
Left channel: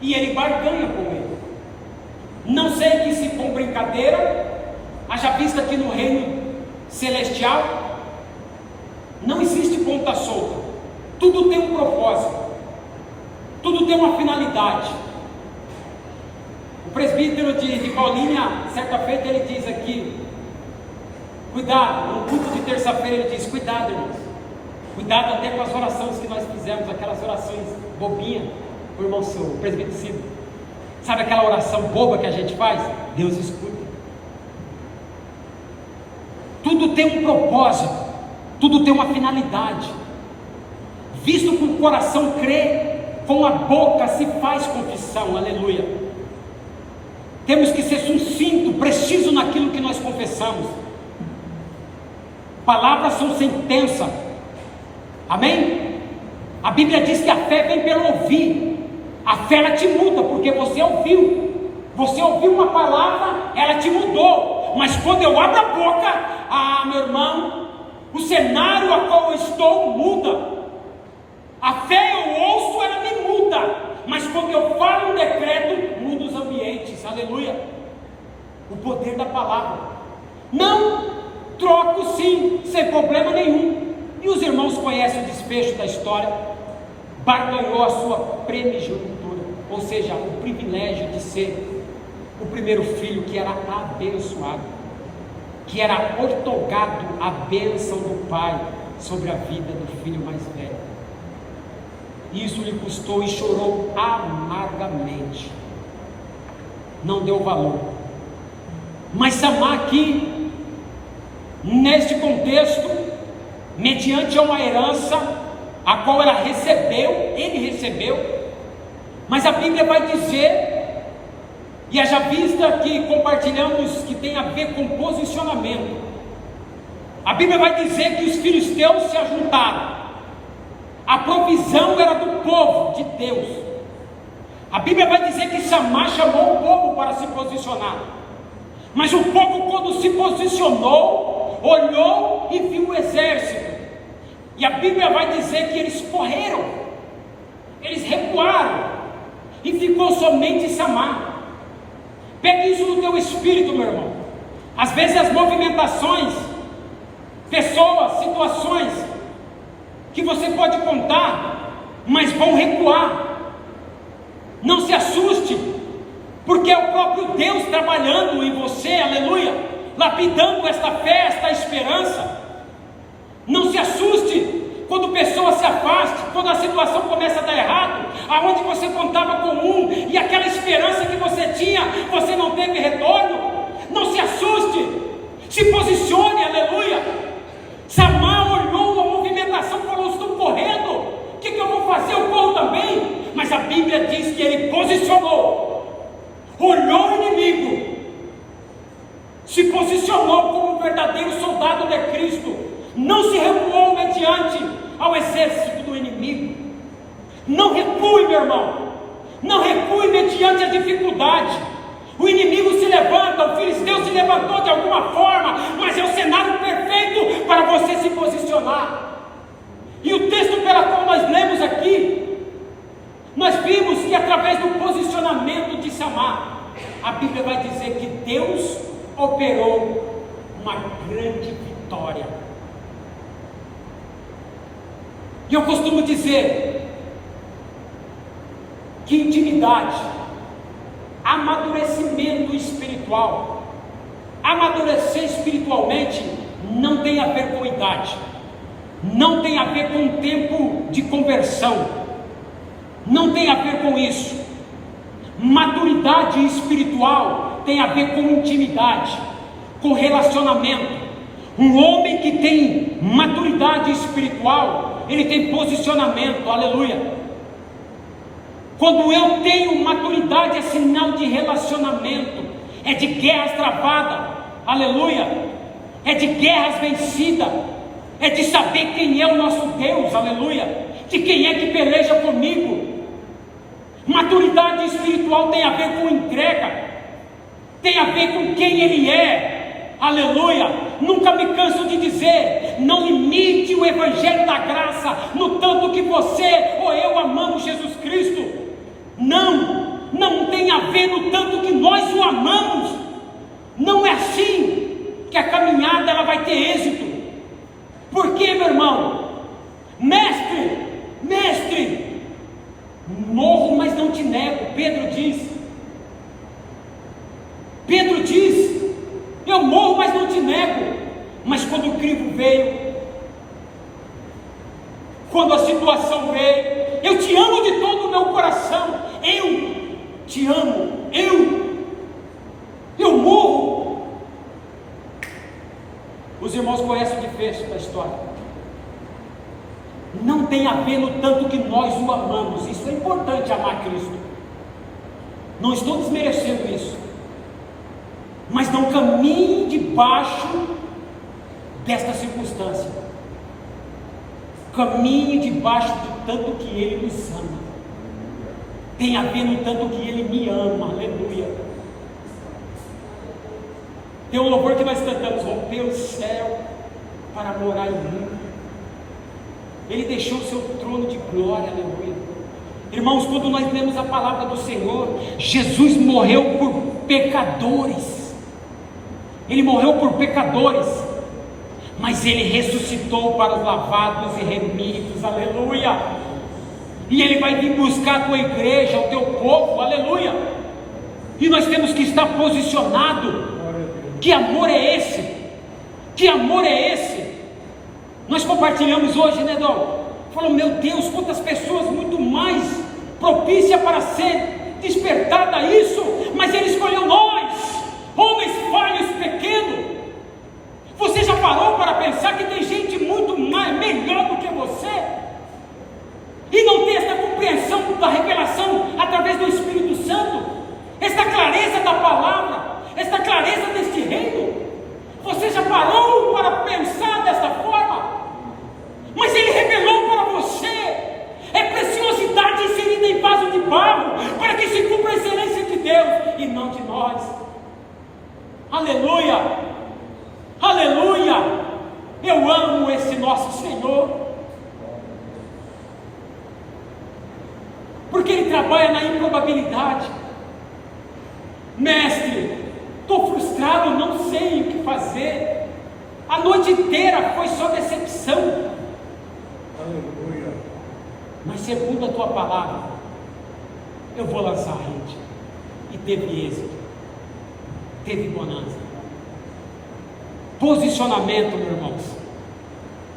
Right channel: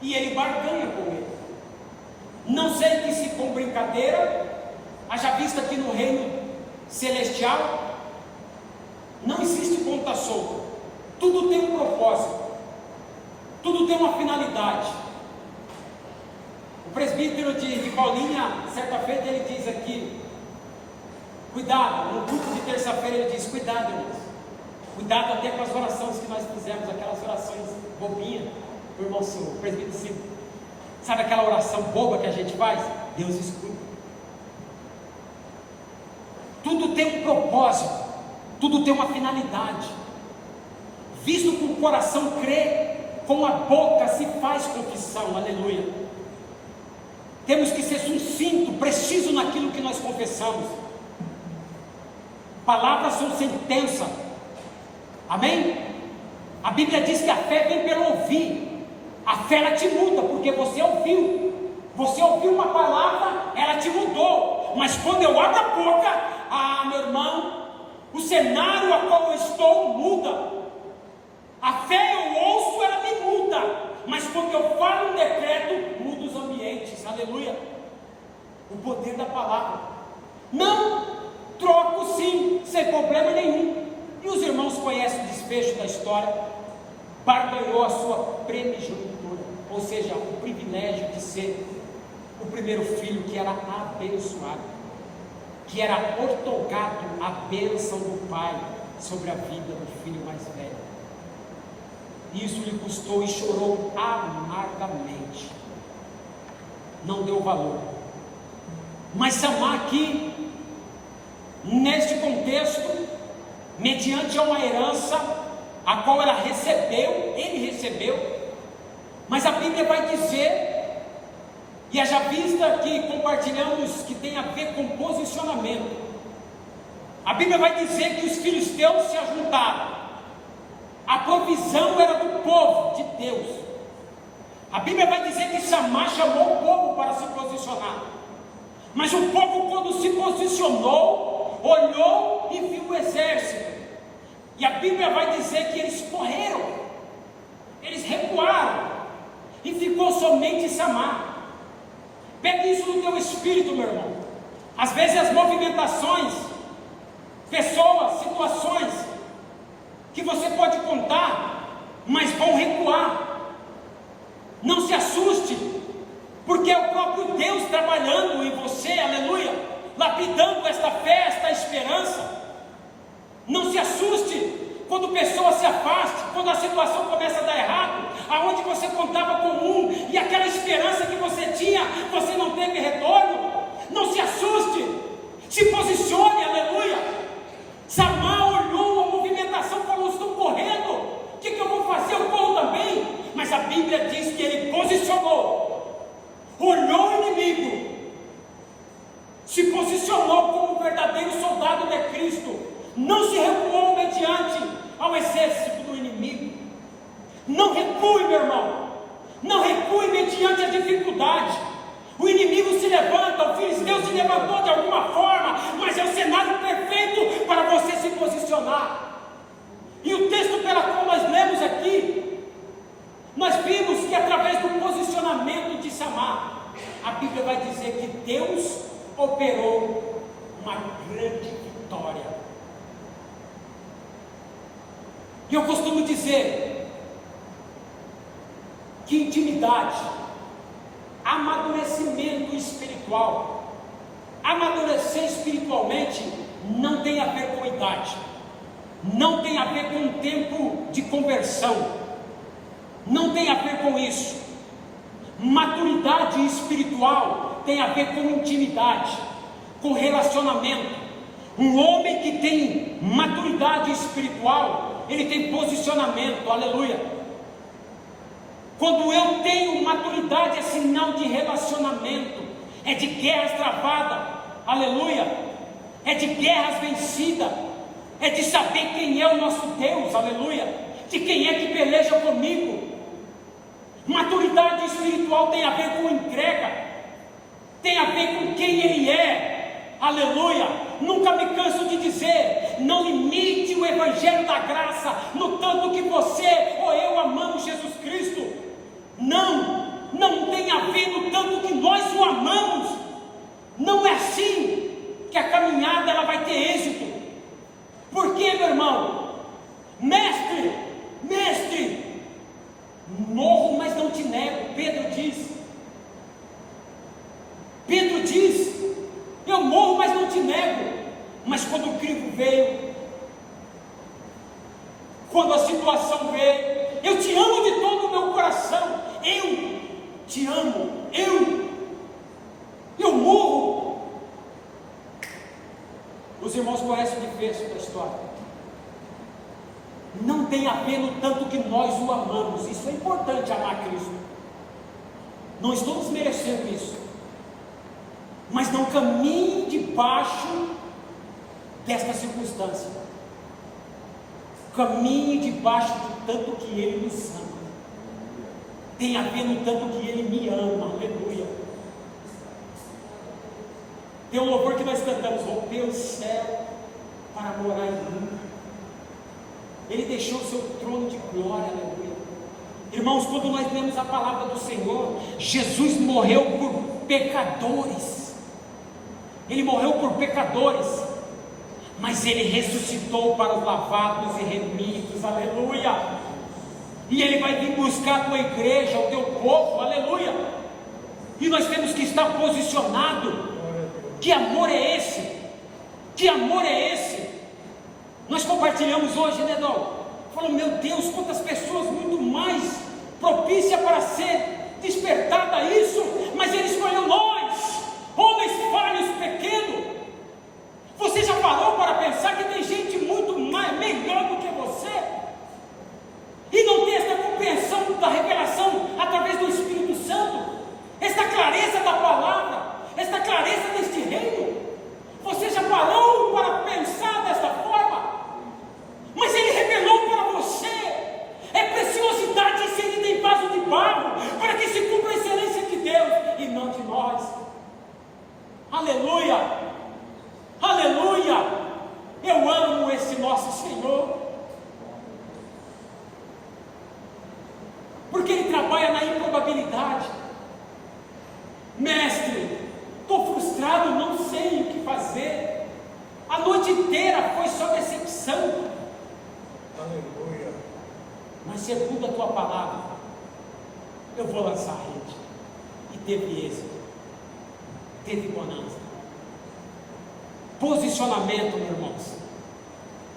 e ele barganha com ele. Não sei que se com brincadeira, haja vista que no reino celestial não existe ponta solta, tudo tem um propósito, tudo tem uma finalidade. O presbítero de Paulínia, certa feita, ele diz aqui, cuidado, no culto de terça-feira ele diz, cuidado, irmãos, cuidado até com as orações que nós fizemos, aquelas orações bobinhas, o irmão o presbítero Ciro, sabe aquela oração boba que a gente faz? Deus escuta. Tudo tem um propósito, tudo tem uma finalidade. Visto que o coração crê, com a boca se faz confissão, aleluia. Temos que ser sucinto, preciso naquilo que nós confessamos. Palavras são sentença, amém? A Bíblia diz que a fé vem pelo ouvir. A fé ela te muda, porque você ouviu uma palavra, ela te mudou. Mas quando eu abro a boca, meu irmão, o cenário a qual eu estou muda. A fé eu ouço, ela me muda, mas quando eu falo um decreto, aleluia, o poder da palavra. Não, troco sim, sem problema nenhum. E os irmãos conhecem o desfecho da história. Barganhou a sua primogenitura, ou seja, o privilégio de ser o primeiro filho que era abençoado, que era outorgado a bênção do pai sobre a vida do filho mais velho. Isso lhe custou e chorou amargamente, não deu valor. Mas Samar aqui, neste contexto, mediante uma herança, a qual ele recebeu, mas a Bíblia vai dizer, e haja vista que compartilhamos que tem a ver com posicionamento, a Bíblia vai dizer que os filisteus se ajuntaram, a provisão era do povo de Deus. A Bíblia vai dizer que Samar chamou o povo para se posicionar, mas o povo, quando se posicionou, olhou e viu o exército, e a Bíblia vai dizer que eles correram, eles recuaram, e ficou somente Samar. Pegue isso no teu espírito, meu irmão. Às vezes as movimentações, pessoas, situações que você pode contar, mas vão recuar. Não se assuste, porque é o próprio Deus trabalhando em você, aleluia, lapidando esta fé, esta esperança. Não se assuste quando pessoas se afastam, quando a situação começa a dar errado, aonde você contava com um, e aquela esperança que você tinha, você não teve retorno. Não se assuste, se posicione, aleluia. Samar olhou a movimentação e falou: estou correndo, o que eu vou fazer? Eu corro também. Mas a Bíblia diz que ele posicionou, olhou o inimigo, se posicionou como um verdadeiro soldado de Cristo, não se recuou mediante ao exército do inimigo. Não recue, meu irmão, não recue mediante a dificuldade. O inimigo se levanta, o filisteu se levantou de alguma forma, mas é o cenário perfeito para você se posicionar. E o texto pelo qual nós lemos aqui, nós vimos que através do posicionamento de Samar, a Bíblia vai dizer que Deus operou uma grande vitória. E eu costumo dizer que intimidade, amadurecimento espiritual, amadurecer espiritualmente não tem a ver com idade, não tem a ver com tempo de conversão, não tem a ver com isso. Maturidade espiritual tem a ver com intimidade, com relacionamento. Um homem que tem maturidade espiritual, ele tem posicionamento, aleluia. Quando eu tenho maturidade, é sinal de relacionamento, é de guerras travadas, aleluia, é de guerras vencidas, é de saber quem é o nosso Deus, aleluia, de quem é que peleja comigo. Maturidade espiritual tem a ver com entrega, tem a ver com quem Ele é, aleluia. Nunca me canso de dizer, não limite o Evangelho da graça no tanto que você ou eu amamos Jesus Cristo. Não tem a ver no tanto que nós o amamos. Não é assim que a caminhada ela vai ter êxito. Por quê, meu irmão? Mestre, morro, mas não te nego. Pedro diz, eu morro, mas não te nego. Mas quando o crivo veio, quando a situação veio, eu te amo de todo o meu coração, eu te amo, eu morro. Os irmãos conhecem o desfecho da história. Não tem a ver no tanto que nós o amamos. Isso é importante, amar Cristo. Não estou desmerecendo isso, mas não caminhe debaixo desta circunstância. Caminhe debaixo do tanto que Ele nos ama. Tem a ver no tanto que Ele me ama, aleluia. Tem um louvor que nós cantamos: rompeu o céu para morar em mim. Ele deixou o seu trono de glória, aleluia. Irmãos, quando nós lemos a palavra do Senhor, Jesus morreu por pecadores. Ele morreu por pecadores, mas Ele ressuscitou para os lavados e remidos, aleluia. E Ele vai vir buscar a tua igreja, o teu povo, aleluia. E nós temos que estar posicionados. Que amor é esse? Que amor é esse? Nós compartilhamos hoje, né, Dom? Falou, meu Deus, quantas pessoas muito mais propícias para ser despertada a isso, mas Ele escolheu nós, homens falhos, pequenos. Você já parou para pensar que tem gente muito mais, melhor do que você? E não tem essa compreensão da revelação através do Espírito Santo, esta clareza da palavra, esta clareza deste reino. Você já parou para pensar desta forma? Mas Ele revelou para você. É preciosidade inserida em vaso de barro, para que se cumpra a excelência de Deus e não de nós. Aleluia, aleluia. Eu amo esse nosso Senhor, porque Ele trabalha na improbabilidade. Mestre, estou frustrado, não sei o que fazer. A noite inteira foi só decepção. Aleluia. Mas segundo a tua palavra, eu vou lançar a rede. E teve êxito, teve bonança. Posicionamento, meus irmãos,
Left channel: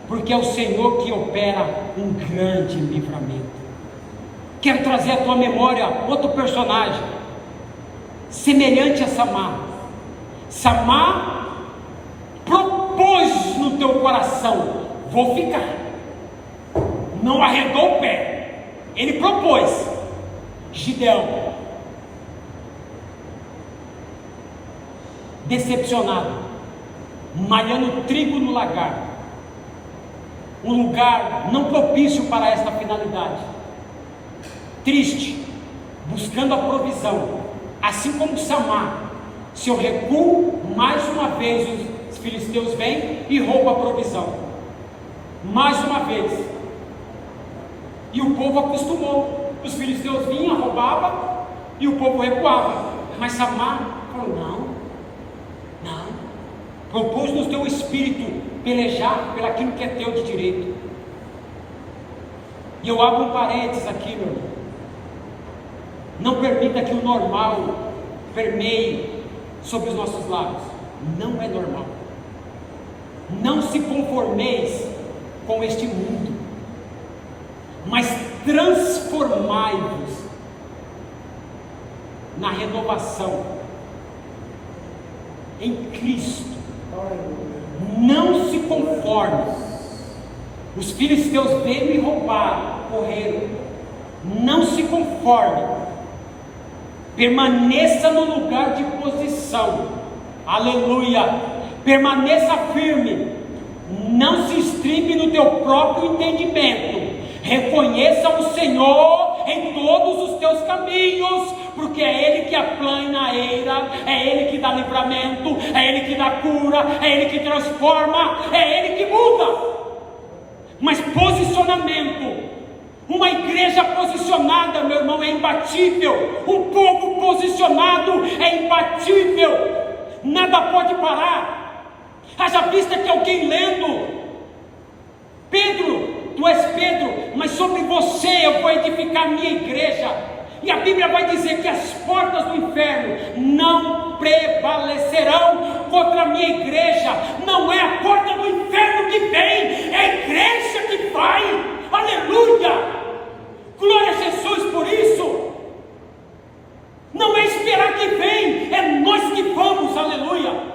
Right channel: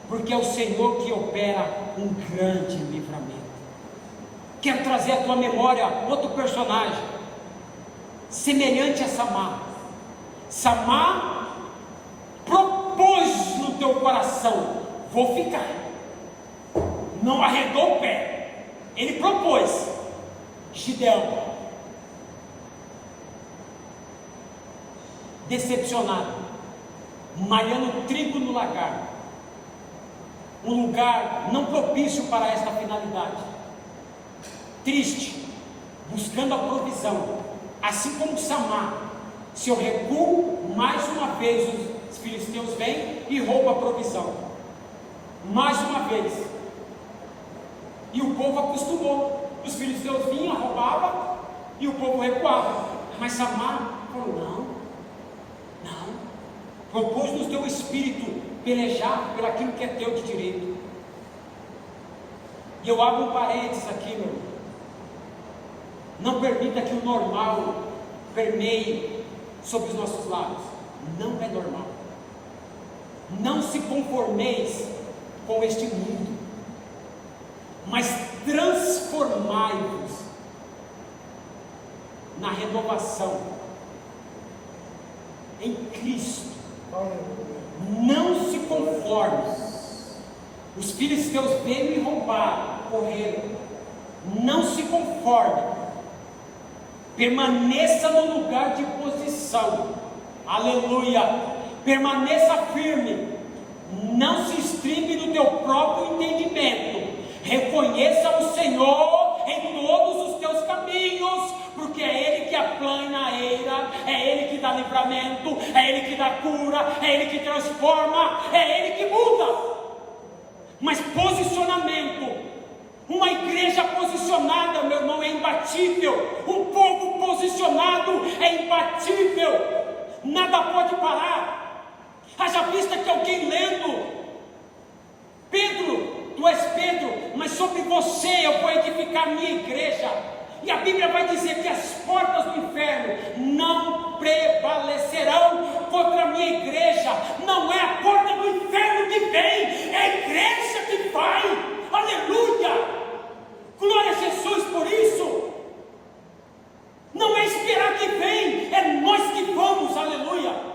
porque é o Senhor que opera um grande livramento. Quero trazer à tua memória outro personagem, semelhante a Samar. Samar propôs no teu coração: vou ficar. Não arredou o pé. Ele propôs. Gideão, decepcionado, malhando trigo no lagar, um lugar não propício para esta finalidade, triste, buscando a provisão, assim como Samar. Se eu recuo, mais uma vez os filisteus vêm e roubam a provisão, mais uma vez. E o povo acostumou. Os filisteus vinham, roubavam, e o povo recuava. Mas Samar falou: não. Propôs no teu espírito pelejar pelaquilo que é teu de direito. E eu abro um parênteses aqui, meu irmão. Não permita que o normal permeie sobre os nossos lábios. Não é normal. Não se conformeis com este mundo, mas transformai-vos na renovação em Cristo. Não se conforme. Os filisteus veio e roubaram, correram. Não se conforme. Permaneça no lugar de posição. Aleluia. Permaneça firme. Não se estribe no teu próprio entendimento. Reconheça o Senhor em todos os teus caminhos, porque é Ele que aplana a eira, é Ele que dá livramento, é Ele que dá cura, é Ele que transforma, é Ele que muda. Mas posicionamento, uma igreja posicionada, meu irmão, é imbatível. Um povo posicionado é imbatível. Nada pode parar. Haja vista que alguém lendo: Pedro, tu és Pedro, mas sobre você eu vou edificar a minha igreja. E a Bíblia vai dizer que as portas do inferno não prevalecerão contra a minha igreja. Não é a porta do inferno que vem, é a igreja que vai. Aleluia! Glória a Jesus por isso. Não é esperar que vem, é nós que vamos. Aleluia!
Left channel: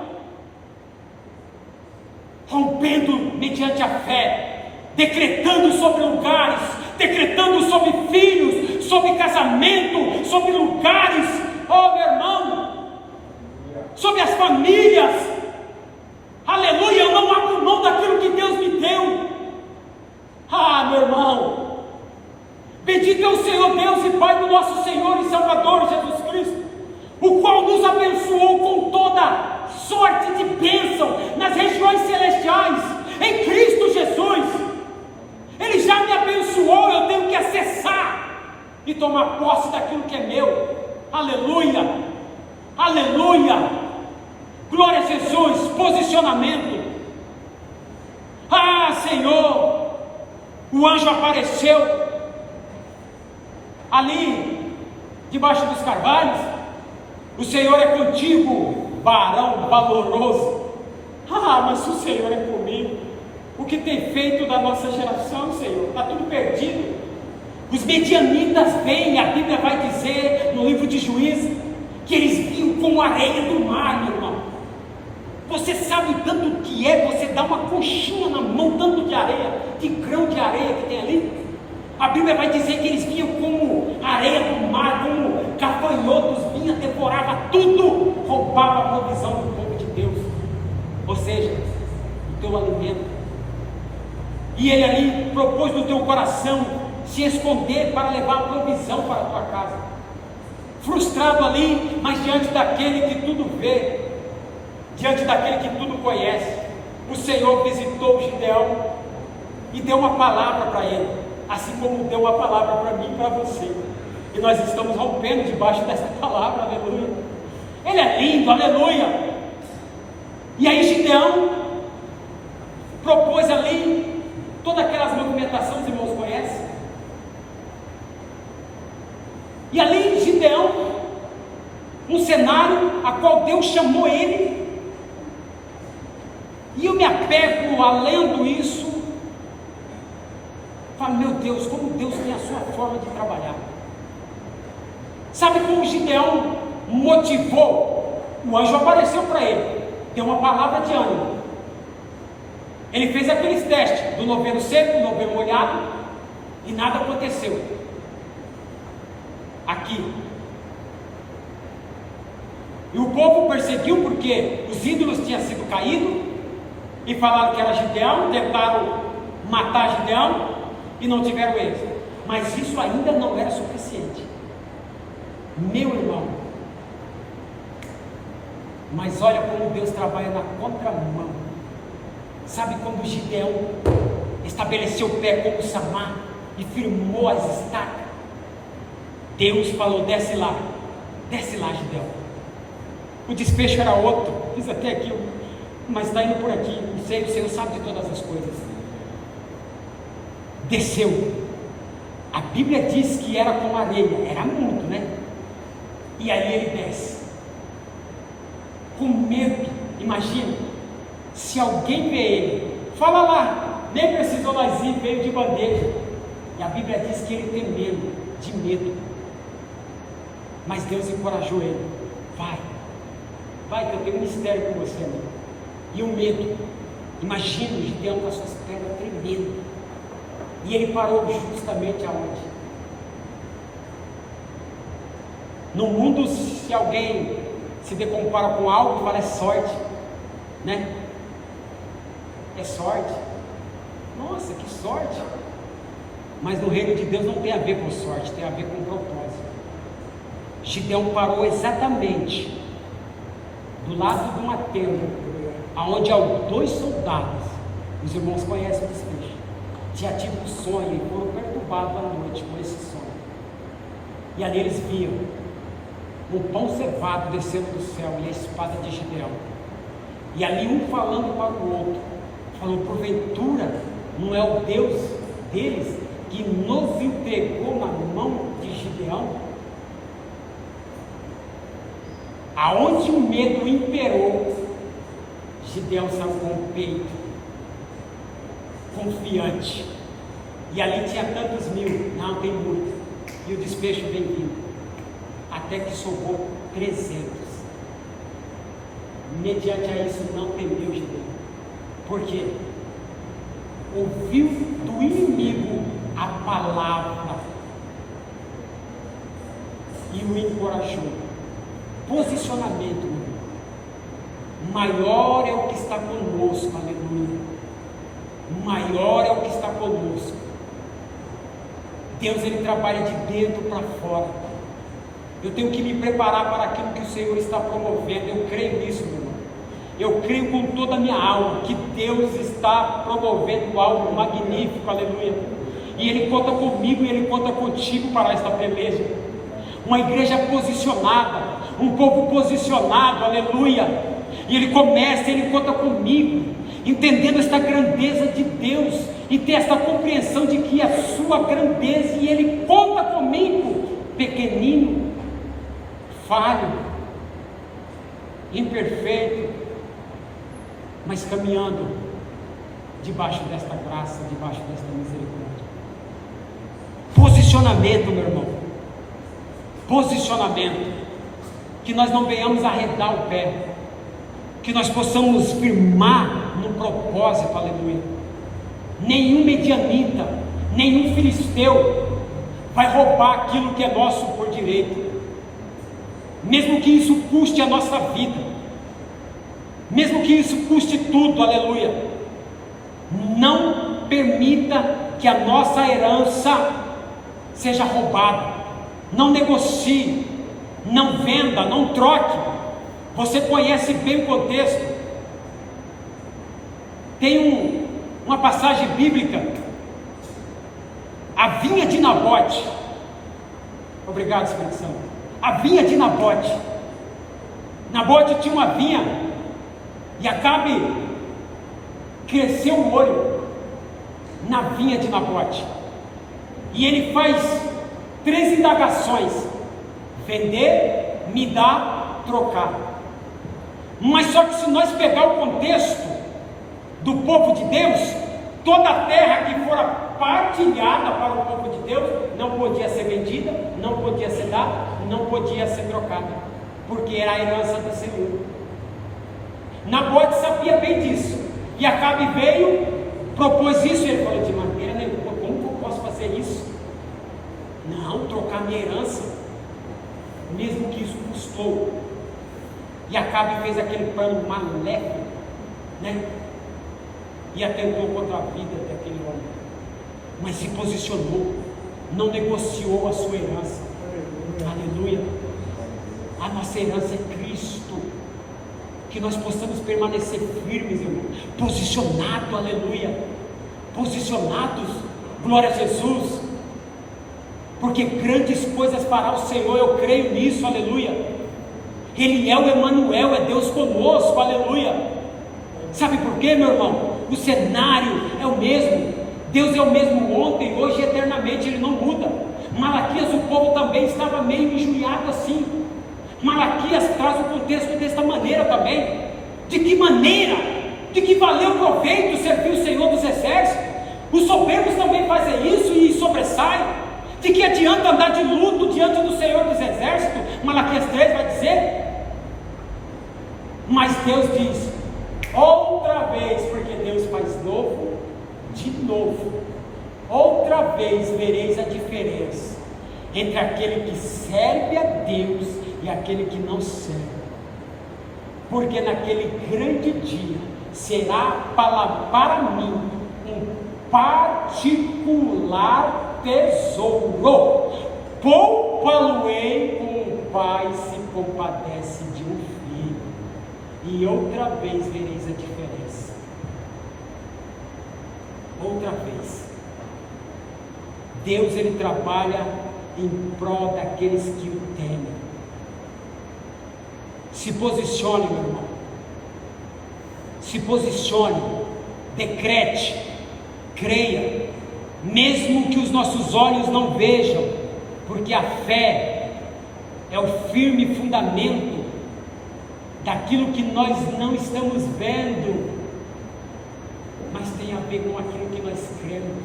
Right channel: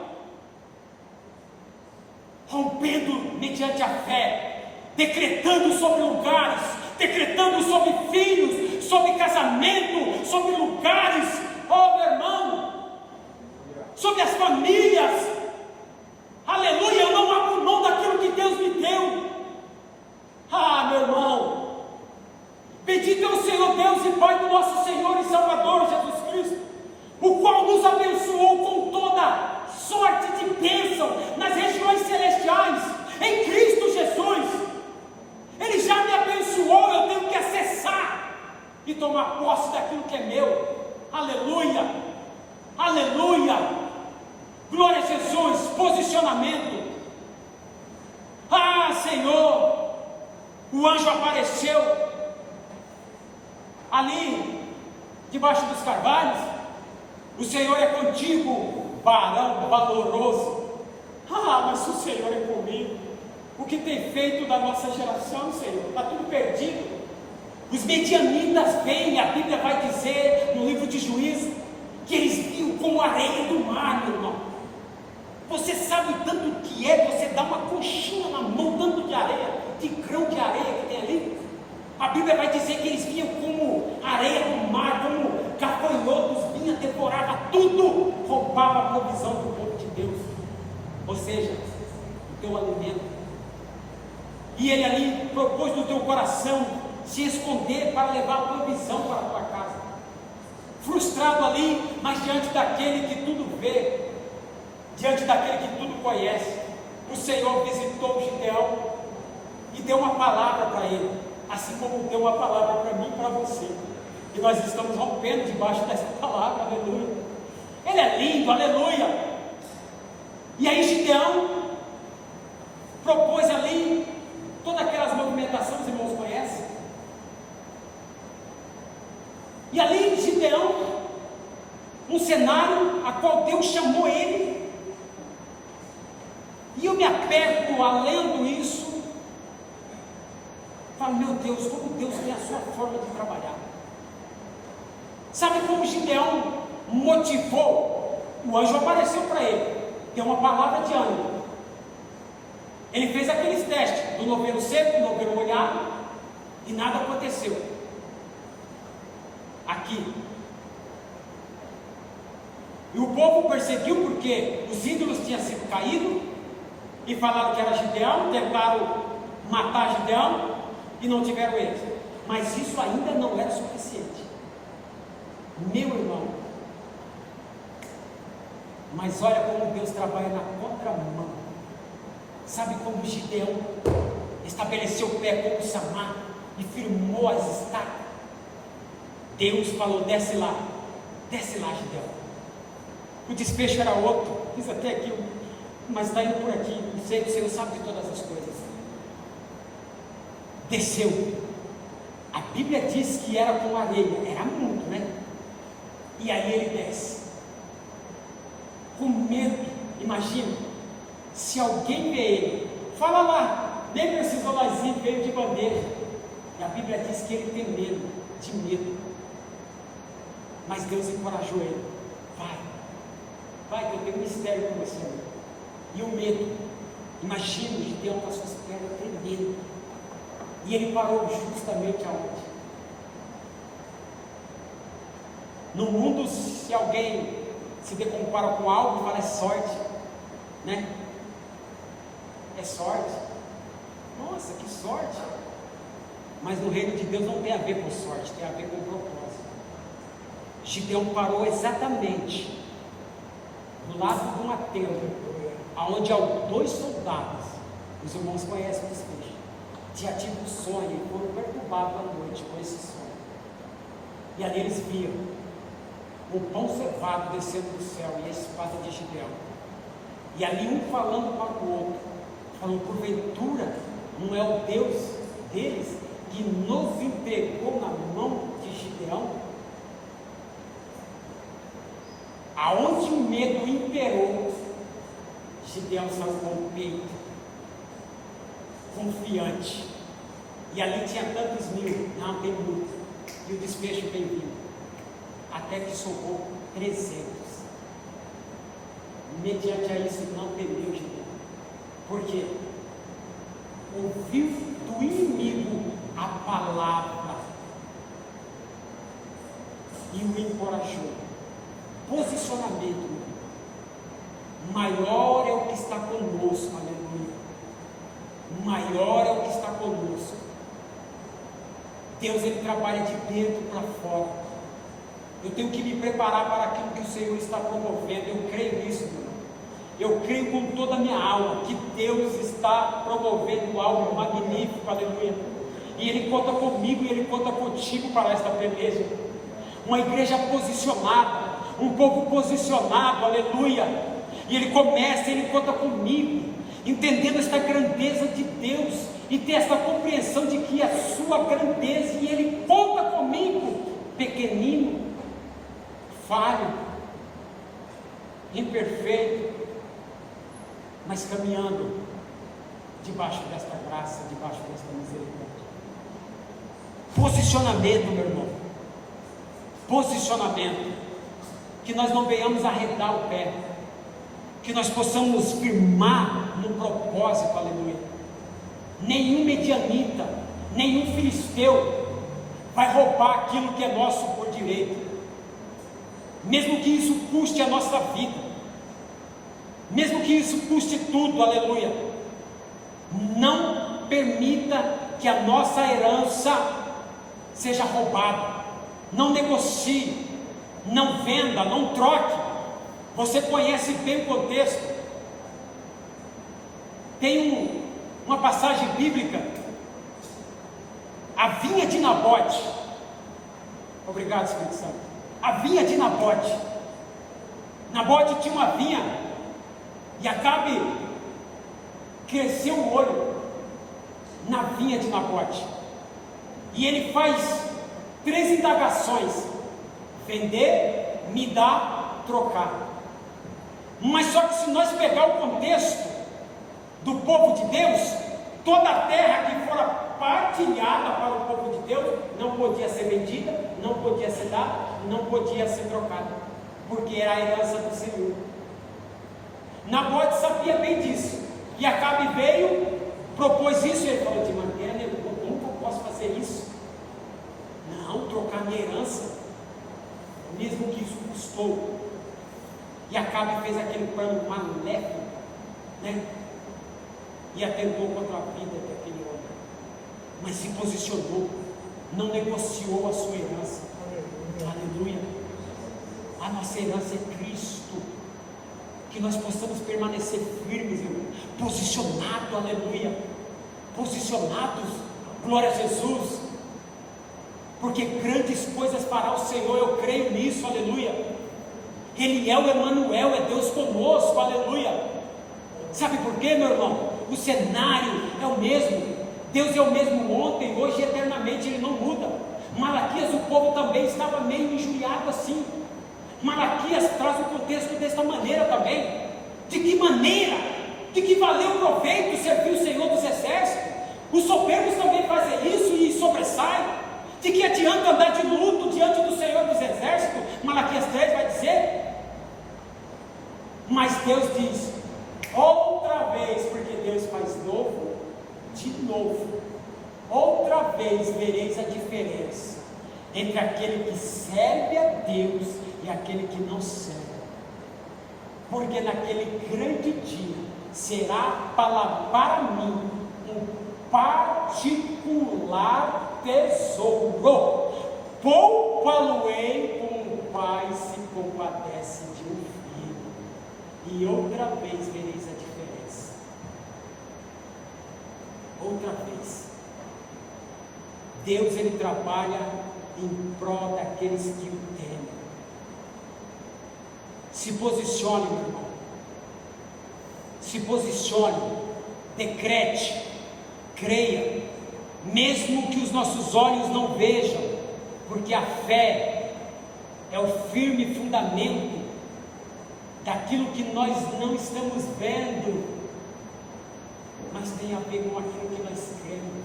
Rompendo mediante a fé, decretando sobre lugares, decretando sobre filhos, sobre casamento, sobre lugares, oh meu irmão, sobre as famílias. Aleluia, eu não abro mão daquilo que Deus me deu. Ah, meu irmão, bendito é o Senhor Deus e Pai do nosso Senhor e Salvador Jesus Cristo, o qual nos abençoou com toda sorte de bênção nas regiões celestiais, em Cristo Jesus. Ele já me abençoou, eu tenho que acessar e tomar posse daquilo que é meu. Aleluia, aleluia. aleluia, glória a Jesus, posicionamento. Ah, Senhor, o anjo apareceu ali, debaixo dos carvalhos. O Senhor é contigo, varão valoroso. Ah, mas se o Senhor é comigo, o que tem feito da nossa geração, Senhor? Está tudo perdido. Os medianitas vêm, a Bíblia vai dizer no livro de Juízes, que eles viam como areia do mar, meu irmão. Você sabe o tanto que é você dar uma conchinha na mão, tanto de areia, de grão de areia que tem ali? A Bíblia vai dizer que eles vinham como areia do mar, como gafanhotos, vinha, devorava tudo, roubava a provisão do povo de Deus, ou seja, o teu alimento. E ele ali propôs no teu coração se esconder para levar a provisão para a tua casa, frustrado ali, mas diante daquele que tudo vê, diante daquele que tudo conhece, o Senhor visitou Gideão e deu uma palavra para ele, assim como deu uma palavra para mim e para você. E nós estamos rompendo debaixo dessa palavra, aleluia. Ele é lindo, aleluia. E aí Gideão propôs ali todas aquelas movimentações, os irmãos conhecem. E ali Gideão, um cenário a qual Deus chamou ele. E eu me apego a lendo isso, falo, meu Deus, como Deus tem a sua forma de trabalhar. Sabe como Gideão motivou? O anjo apareceu para ele, deu uma palavra de ânimo. Ele fez aqueles testes do novelo seco, do novelo molhado, e nada aconteceu. Aqui. E o povo perseguiu porque os ídolos tinham sido caídos, e falaram que era Gideão, tentaram matar Gideão, e não tiveram êxito. Mas isso ainda não era suficiente. Meu irmão, mas olha como Deus trabalha na contramão. Sabe como Gideão estabeleceu o pé como Samar e firmou as estacas? Deus falou, desce lá, Gideão. O desfecho era outro, fiz até aqui, mas está indo por aqui, não sei, o Senhor sabe de todas as coisas. Desceu. A Bíblia diz que era como areia, era muito, né? E aí ele desce, com medo. Imagina, se alguém vê ele, fala lá, nem precisou nós ir, veio de bandeja. E a Bíblia diz que ele tem medo, de medo. Mas Deus encorajou ele, vai que eu tenho um mistério com você, amigo. E o medo, imagina o Gideão com as suas pernas tremendo. E ele parou justamente aonde? No mundo, se alguém se decompara com algo, parece sorte, né? É sorte. Nossa, que sorte! Mas no reino de Deus não tem a ver com sorte, tem a ver com propósito. Gideão parou exatamente do lado de uma tenda, aonde há 2 soldados, os irmãos conhecem o desfecho, já tiveram um sonho e foram perturbados à noite com esse sonho. E ali eles viam o pão cevado descendo do céu e a espada de Gideão. E ali um falando para o outro, falou, porventura não é o Deus deles que nos entregou na mão de Gideão? Aonde o medo imperou, Gideão saiu com o peito confiante. E ali tinha tantos mil, não tem muito. E o desfecho vem vindo. Até que sobrou 300. Mediante a isso não temeu Gideão. Por quê? Ouviu do inimigo a palavra e o encorajou. Posicionamento, maior é o que está conosco, aleluia. Maior é o que está conosco. Deus, ele trabalha de dentro para fora. Eu tenho que me preparar para aquilo que o Senhor está promovendo. Eu creio nisso, meu irmão. Eu creio com toda a minha alma que Deus está promovendo algo magnífico, aleluia. E Ele conta comigo e Ele conta contigo para esta peleja. Uma igreja posicionada, um povo posicionado, aleluia. E ele começa, ele conta comigo, entendendo esta grandeza de Deus, e ter esta compreensão de que a sua grandeza, e ele conta comigo, pequenino, falho, imperfeito, mas caminhando debaixo desta graça, debaixo desta misericórdia. Posicionamento, meu irmão, posicionamento, que nós não venhamos arredar o pé, que nós possamos firmar no propósito, aleluia. Nenhum medianita, nenhum filisteu vai roubar aquilo que é nosso por direito, mesmo que isso custe a nossa vida, mesmo que isso custe tudo, aleluia. Não permita que a nossa herança seja roubada. Não negocie, não venda, não troque. Você conhece bem o contexto. Tem uma passagem bíblica, a vinha de Nabote. Obrigado, Espírito Santo. A vinha de Nabote. Nabote tinha uma vinha, e Acabe cresceu o olho na vinha de Nabote, e ele faz 3 indagações: vender, me dar, trocar. Mas só que se nós pegar o contexto do povo de Deus, toda a terra que fora partilhada para o povo de Deus não podia ser vendida, não podia ser dada, não podia ser trocada, porque era a herança do Senhor. Nabote sabia bem disso, e Acabe veio, propôs isso, e ele falou: de maneira nenhuma, como que eu posso fazer isso? Não, trocar minha herança, mesmo que isso custou. E Acabe fez aquele plano maléfico, né? E atentou contra a vida daquele homem, mas se posicionou, não negociou a sua herança. Aleluia. A nossa herança é Cristo. Que nós possamos permanecer firmes, irmão, posicionados, aleluia, posicionados, glória a Jesus, porque grandes coisas fará o Senhor, eu creio nisso, aleluia. Ele é o Emanuel, é Deus conosco, aleluia. Sabe por quê, meu irmão? O cenário é o mesmo, Deus é o mesmo ontem, hoje e eternamente, Ele não muda. Malaquias, o povo também estava meio injuriado assim. Malaquias traz o contexto desta maneira também. De que maneira? De que valeu o proveito servir o Senhor dos Exércitos? Os soberbos também fazem isso e sobressaem. De que adianta andar de luto diante do Senhor dos Exércitos? Malaquias 3 vai dizer. Mas Deus diz outra vez, porque Deus faz novo, de novo, outra vez vereis a diferença entre aquele que serve a Deus e aquele que não serve, porque naquele grande dia será para mim um particular tesouro, poupa-lo-ei como um pai se compadece de um filho, e outra vez vereis a diferença. Outra vez, Deus, Ele trabalha em prol daqueles que o temem. Se posicione, meu irmão, se posicione, decrete, creia, mesmo que os nossos olhos não vejam, porque a fé é o firme fundamento daquilo que nós não estamos vendo, mas tem a ver com aquilo que nós cremos,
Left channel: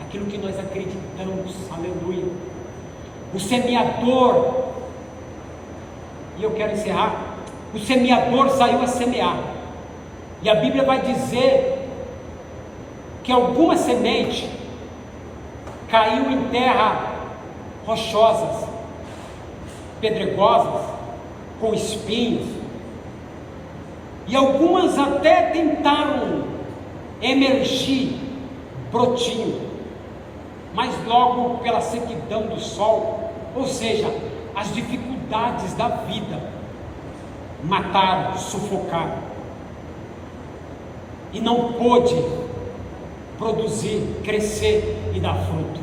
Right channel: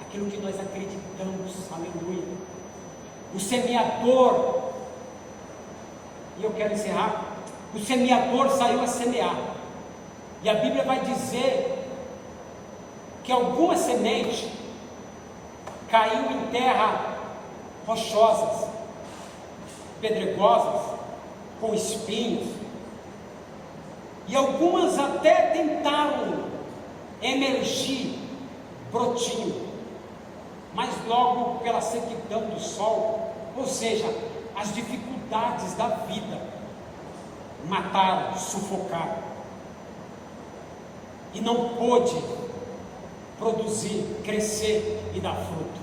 aquilo que nós acreditamos, aleluia. O semeador, e eu quero encerrar, o semeador saiu a semear, e a Bíblia vai dizer que alguma semente caiu em terra rochosas, pedregosas, com espinhos, e algumas até tentaram emergir brotinho, mas logo pela sequidão do sol, ou seja, as dificuldades da vida, mataram, sufocaram, e não pôde produzir, crescer e dar fruto.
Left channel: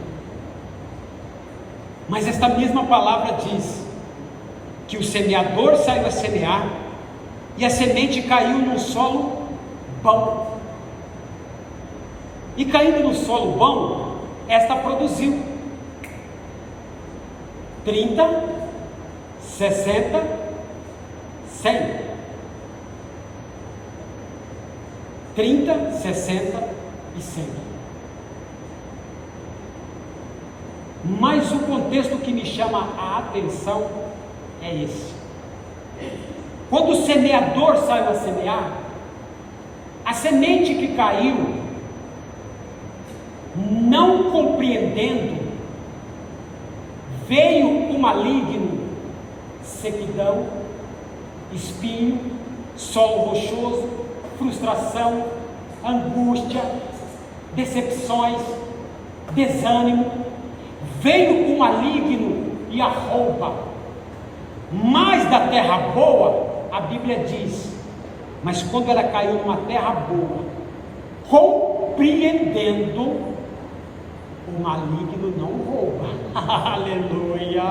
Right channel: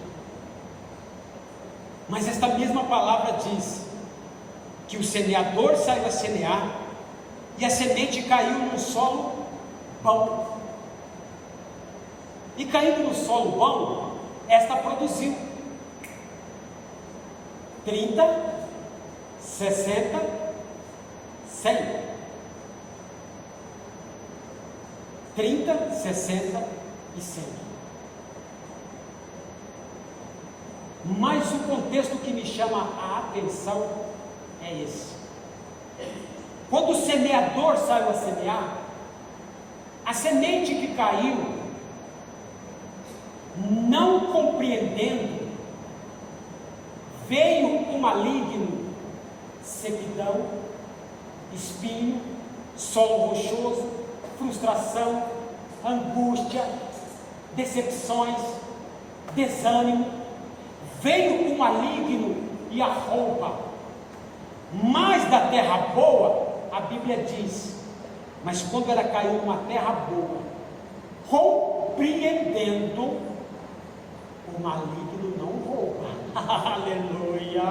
Mas esta mesma palavra diz que o semeador saiu a semear e a semente caiu num solo bom. E caindo no solo bom, esta produziu 30, 60, 100. 30, 60 e 100. Mas o contexto que me chama a atenção é esse. Quando o semeador saiu a semear, a semente que caiu, não compreendendo, veio o maligno, sequidão, espinho, solo rochoso, frustração, angústia, decepções, desânimo. Veio o maligno e a rouba. Mas da terra boa, a Bíblia diz, mas quando ela caiu numa terra boa, compreendendo, o maligno não rouba. Aleluia!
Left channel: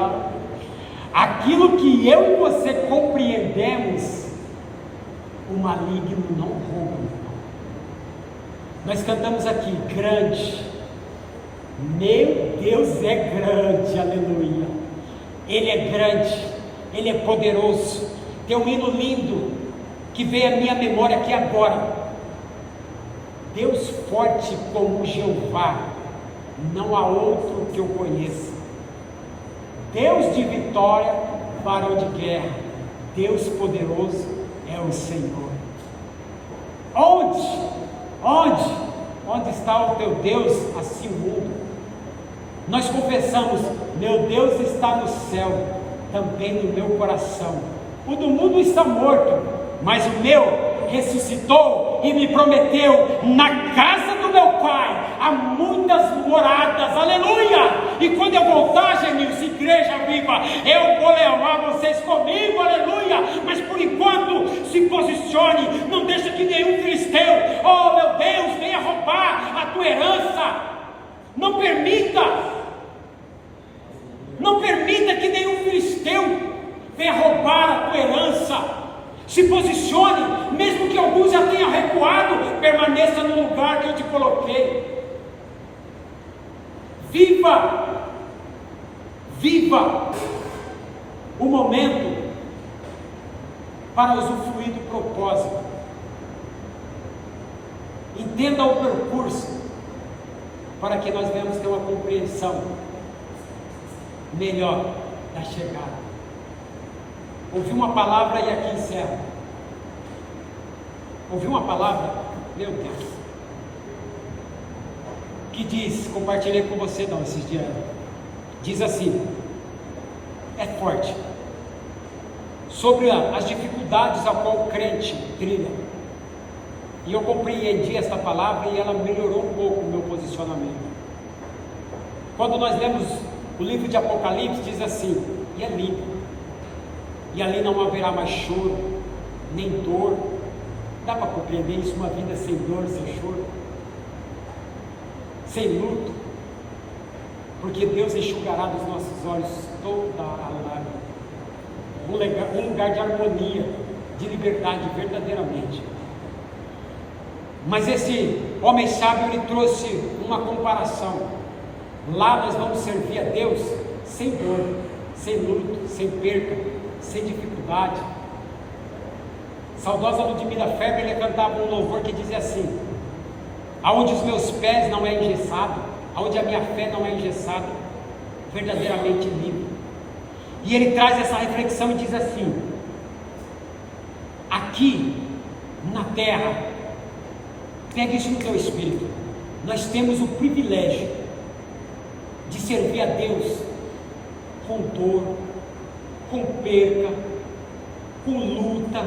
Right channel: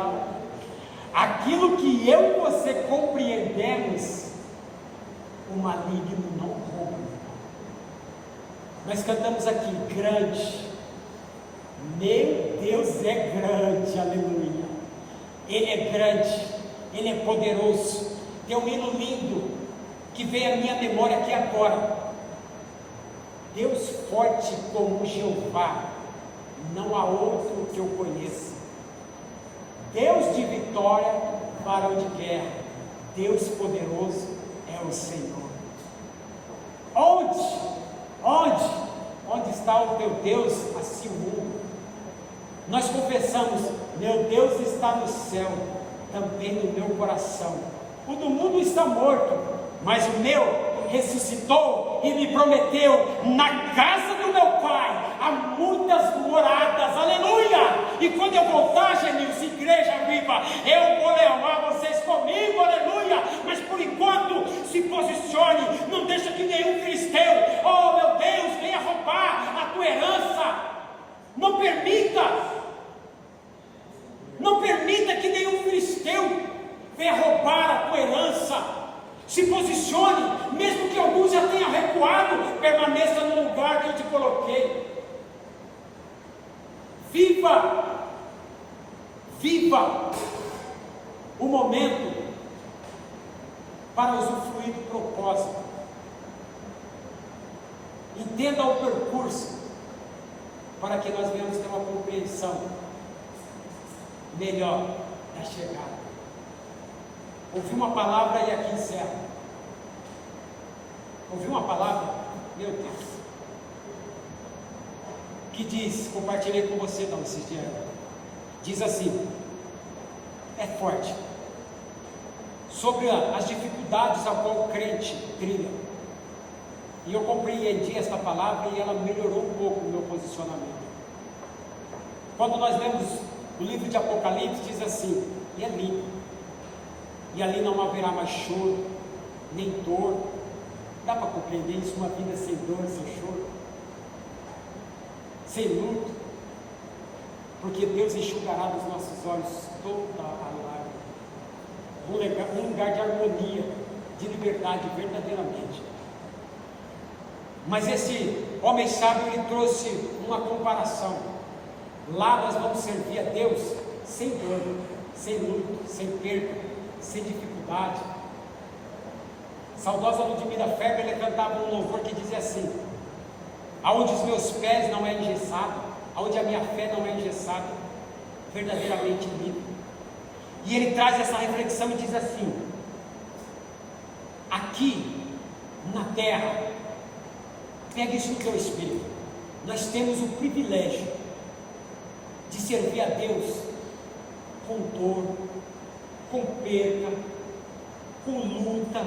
Aquilo que eu e você compreendemos, o maligno não rouba. Nós cantamos aqui, grande, meu Deus é grande, aleluia. Ele é grande, Ele é poderoso. Tem um hino lindo que veio à minha memória aqui agora. Deus forte como Jeová, não há outro que eu conheça. Deus de vitória, varão de guerra, Deus poderoso é o Senhor. Onde está o teu Deus? Assim o mundo. Nós confessamos, meu Deus está no céu, também no meu coração. O do mundo está morto, mas o meu ressuscitou e me prometeu, na casa do meu Pai há muitas moradas, aleluia! E quando eu voltar, Genilson, igreja viva, eu vou levar vocês comigo, aleluia! Mas por enquanto, se posicione, não deixa que nenhum filisteu, oh meu Deus, venha roubar a tua herança. Não permita que nenhum filisteu venha roubar a tua herança. Se posicione, mesmo que alguns já tenham recuado, permaneça no lugar que eu te coloquei. Viva o momento para usufruir do propósito. Entenda o percurso, para que nós venhamos ter uma compreensão melhor da chegada. Ouvi uma palavra e aqui encerro. Ouvi uma palavra, meu Deus, que diz, compartilhei com você não, esses dias, diz assim, é forte, sobre as dificuldades a qual o crente trilha. E eu compreendi essa palavra e ela melhorou um pouco o meu posicionamento. Quando nós lemos o livro de Apocalipse, diz assim, e é lindo, e ali não haverá mais choro, nem dor. Dá para compreender isso, uma vida sem dor, sem choro, sem luto, porque Deus enxugará dos nossos olhos toda a lágrima. Um lugar de harmonia, de liberdade, verdadeiramente. Mas esse homem sábio, ele trouxe uma comparação. Lá nós vamos servir a Deus sem dor, sem luto, sem perda, sem dificuldade. Saudosa Ludmila Feber, ele cantava um louvor que dizia assim, aonde os meus pés não é engessado, aonde a minha fé não é engessada, verdadeiramente livre. E ele traz essa reflexão e diz assim, aqui na terra, pegue isso no teu espírito, nós temos o privilégio de servir a Deus com dor, com perda, com luta,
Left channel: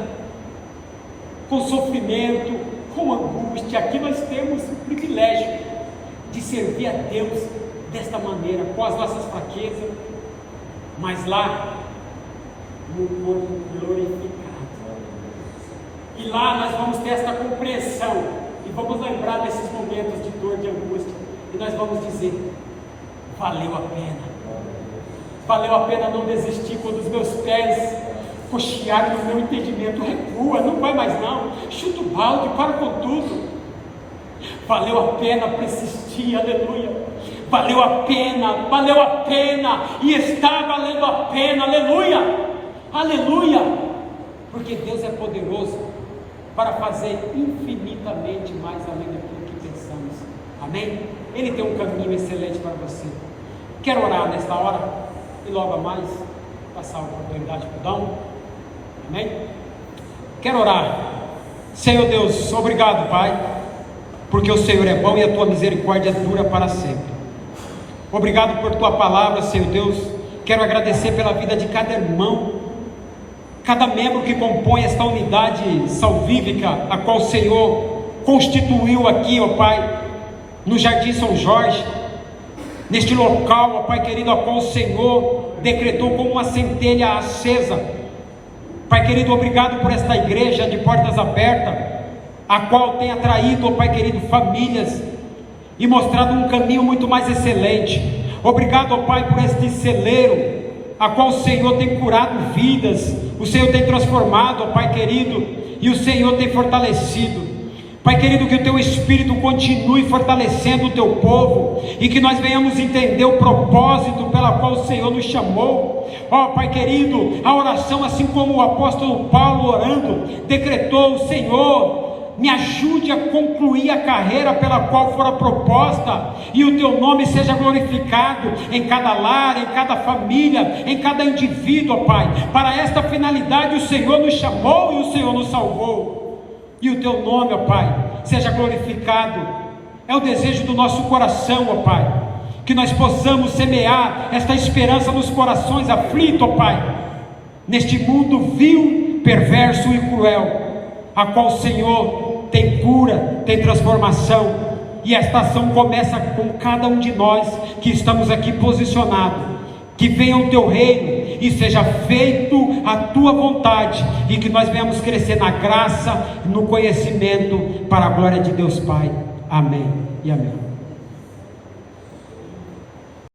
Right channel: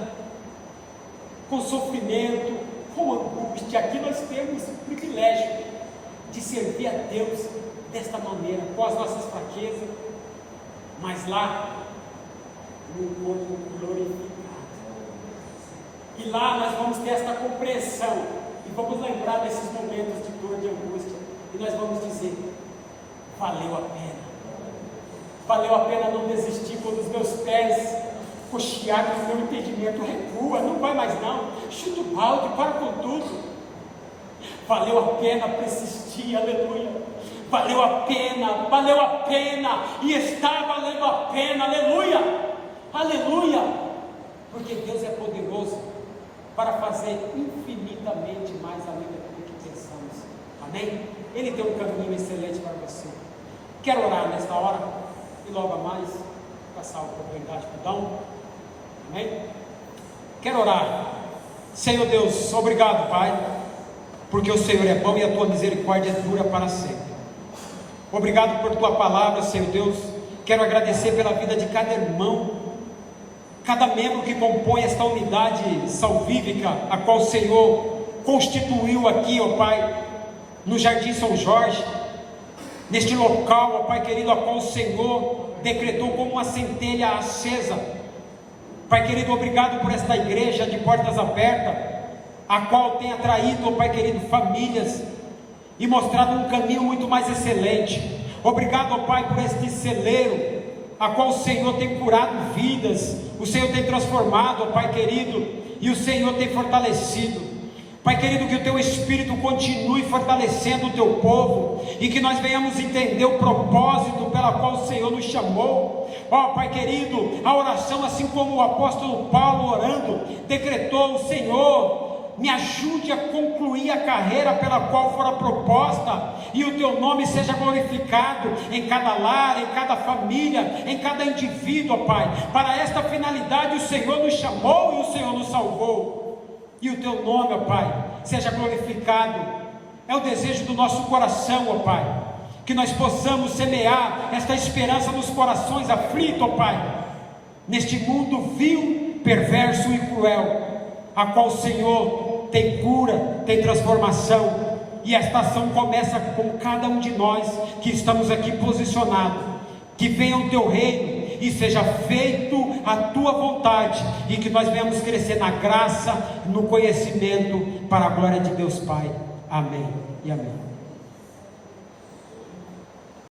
com sofrimento, com angústia. Aqui nós temos o privilégio de servir a Deus desta maneira, com as nossas fraquezas, mas lá no corpo glorificado. E lá nós vamos ter esta compreensão e vamos lembrar desses momentos de dor, de angústia, e nós vamos dizer, valeu a pena não desistir quando os meus pés cocheado no meu entendimento, recua, não vai mais não, chuta o balde, para com tudo. Valeu a pena persistir, aleluia. Valeu a pena, e está valendo a pena, aleluia, aleluia, porque Deus é poderoso para fazer infinitamente mais além daquilo que pensamos, amém? Ele tem um caminho excelente para você. Quero orar nesta hora, e logo mais, passar a oportunidade para o Dão, amém? Quero orar. Senhor Deus, obrigado, Pai, porque o Senhor é bom e a tua misericórdia dura para sempre. Obrigado por tua palavra, Senhor Deus. Quero agradecer pela vida de cada irmão, cada membro que compõe esta unidade salvífica, a qual o Senhor constituiu aqui, ó Pai, no Jardim São Jorge, neste local, ó Pai querido, a qual o Senhor decretou como uma centelha acesa. Pai querido, obrigado por esta igreja de portas abertas, a qual tem atraído, ó Pai querido, famílias e mostrado um caminho muito mais excelente. Obrigado, ó Pai, por este celeiro, a qual o Senhor tem curado vidas, o Senhor tem transformado, ó Pai querido, e o Senhor tem fortalecido. Pai querido, que o Teu Espírito continue fortalecendo o Teu povo, e que nós venhamos entender o propósito pela qual o Senhor nos chamou. Ó Pai querido, a oração, assim como o apóstolo Paulo orando, decretou: o Senhor, me ajude a concluir a carreira pela qual fora proposta, e o Teu nome seja glorificado em cada lar, em cada família, em cada indivíduo, ó Pai. Para esta finalidade o Senhor nos chamou e o Senhor nos salvou, e o Teu nome, ó Pai, seja glorificado. É o desejo do nosso coração, ó Pai, que nós possamos semear esta esperança nos corações aflitos, ó Pai, neste mundo vil, perverso e cruel, a qual o Senhor tem cura, tem transformação, e esta ação começa com cada um de nós que estamos aqui posicionados. Que venha o Teu reino e seja feito a Tua vontade, e que nós venhamos crescer na graça, no conhecimento, para a glória de Deus Pai. Amém e amém.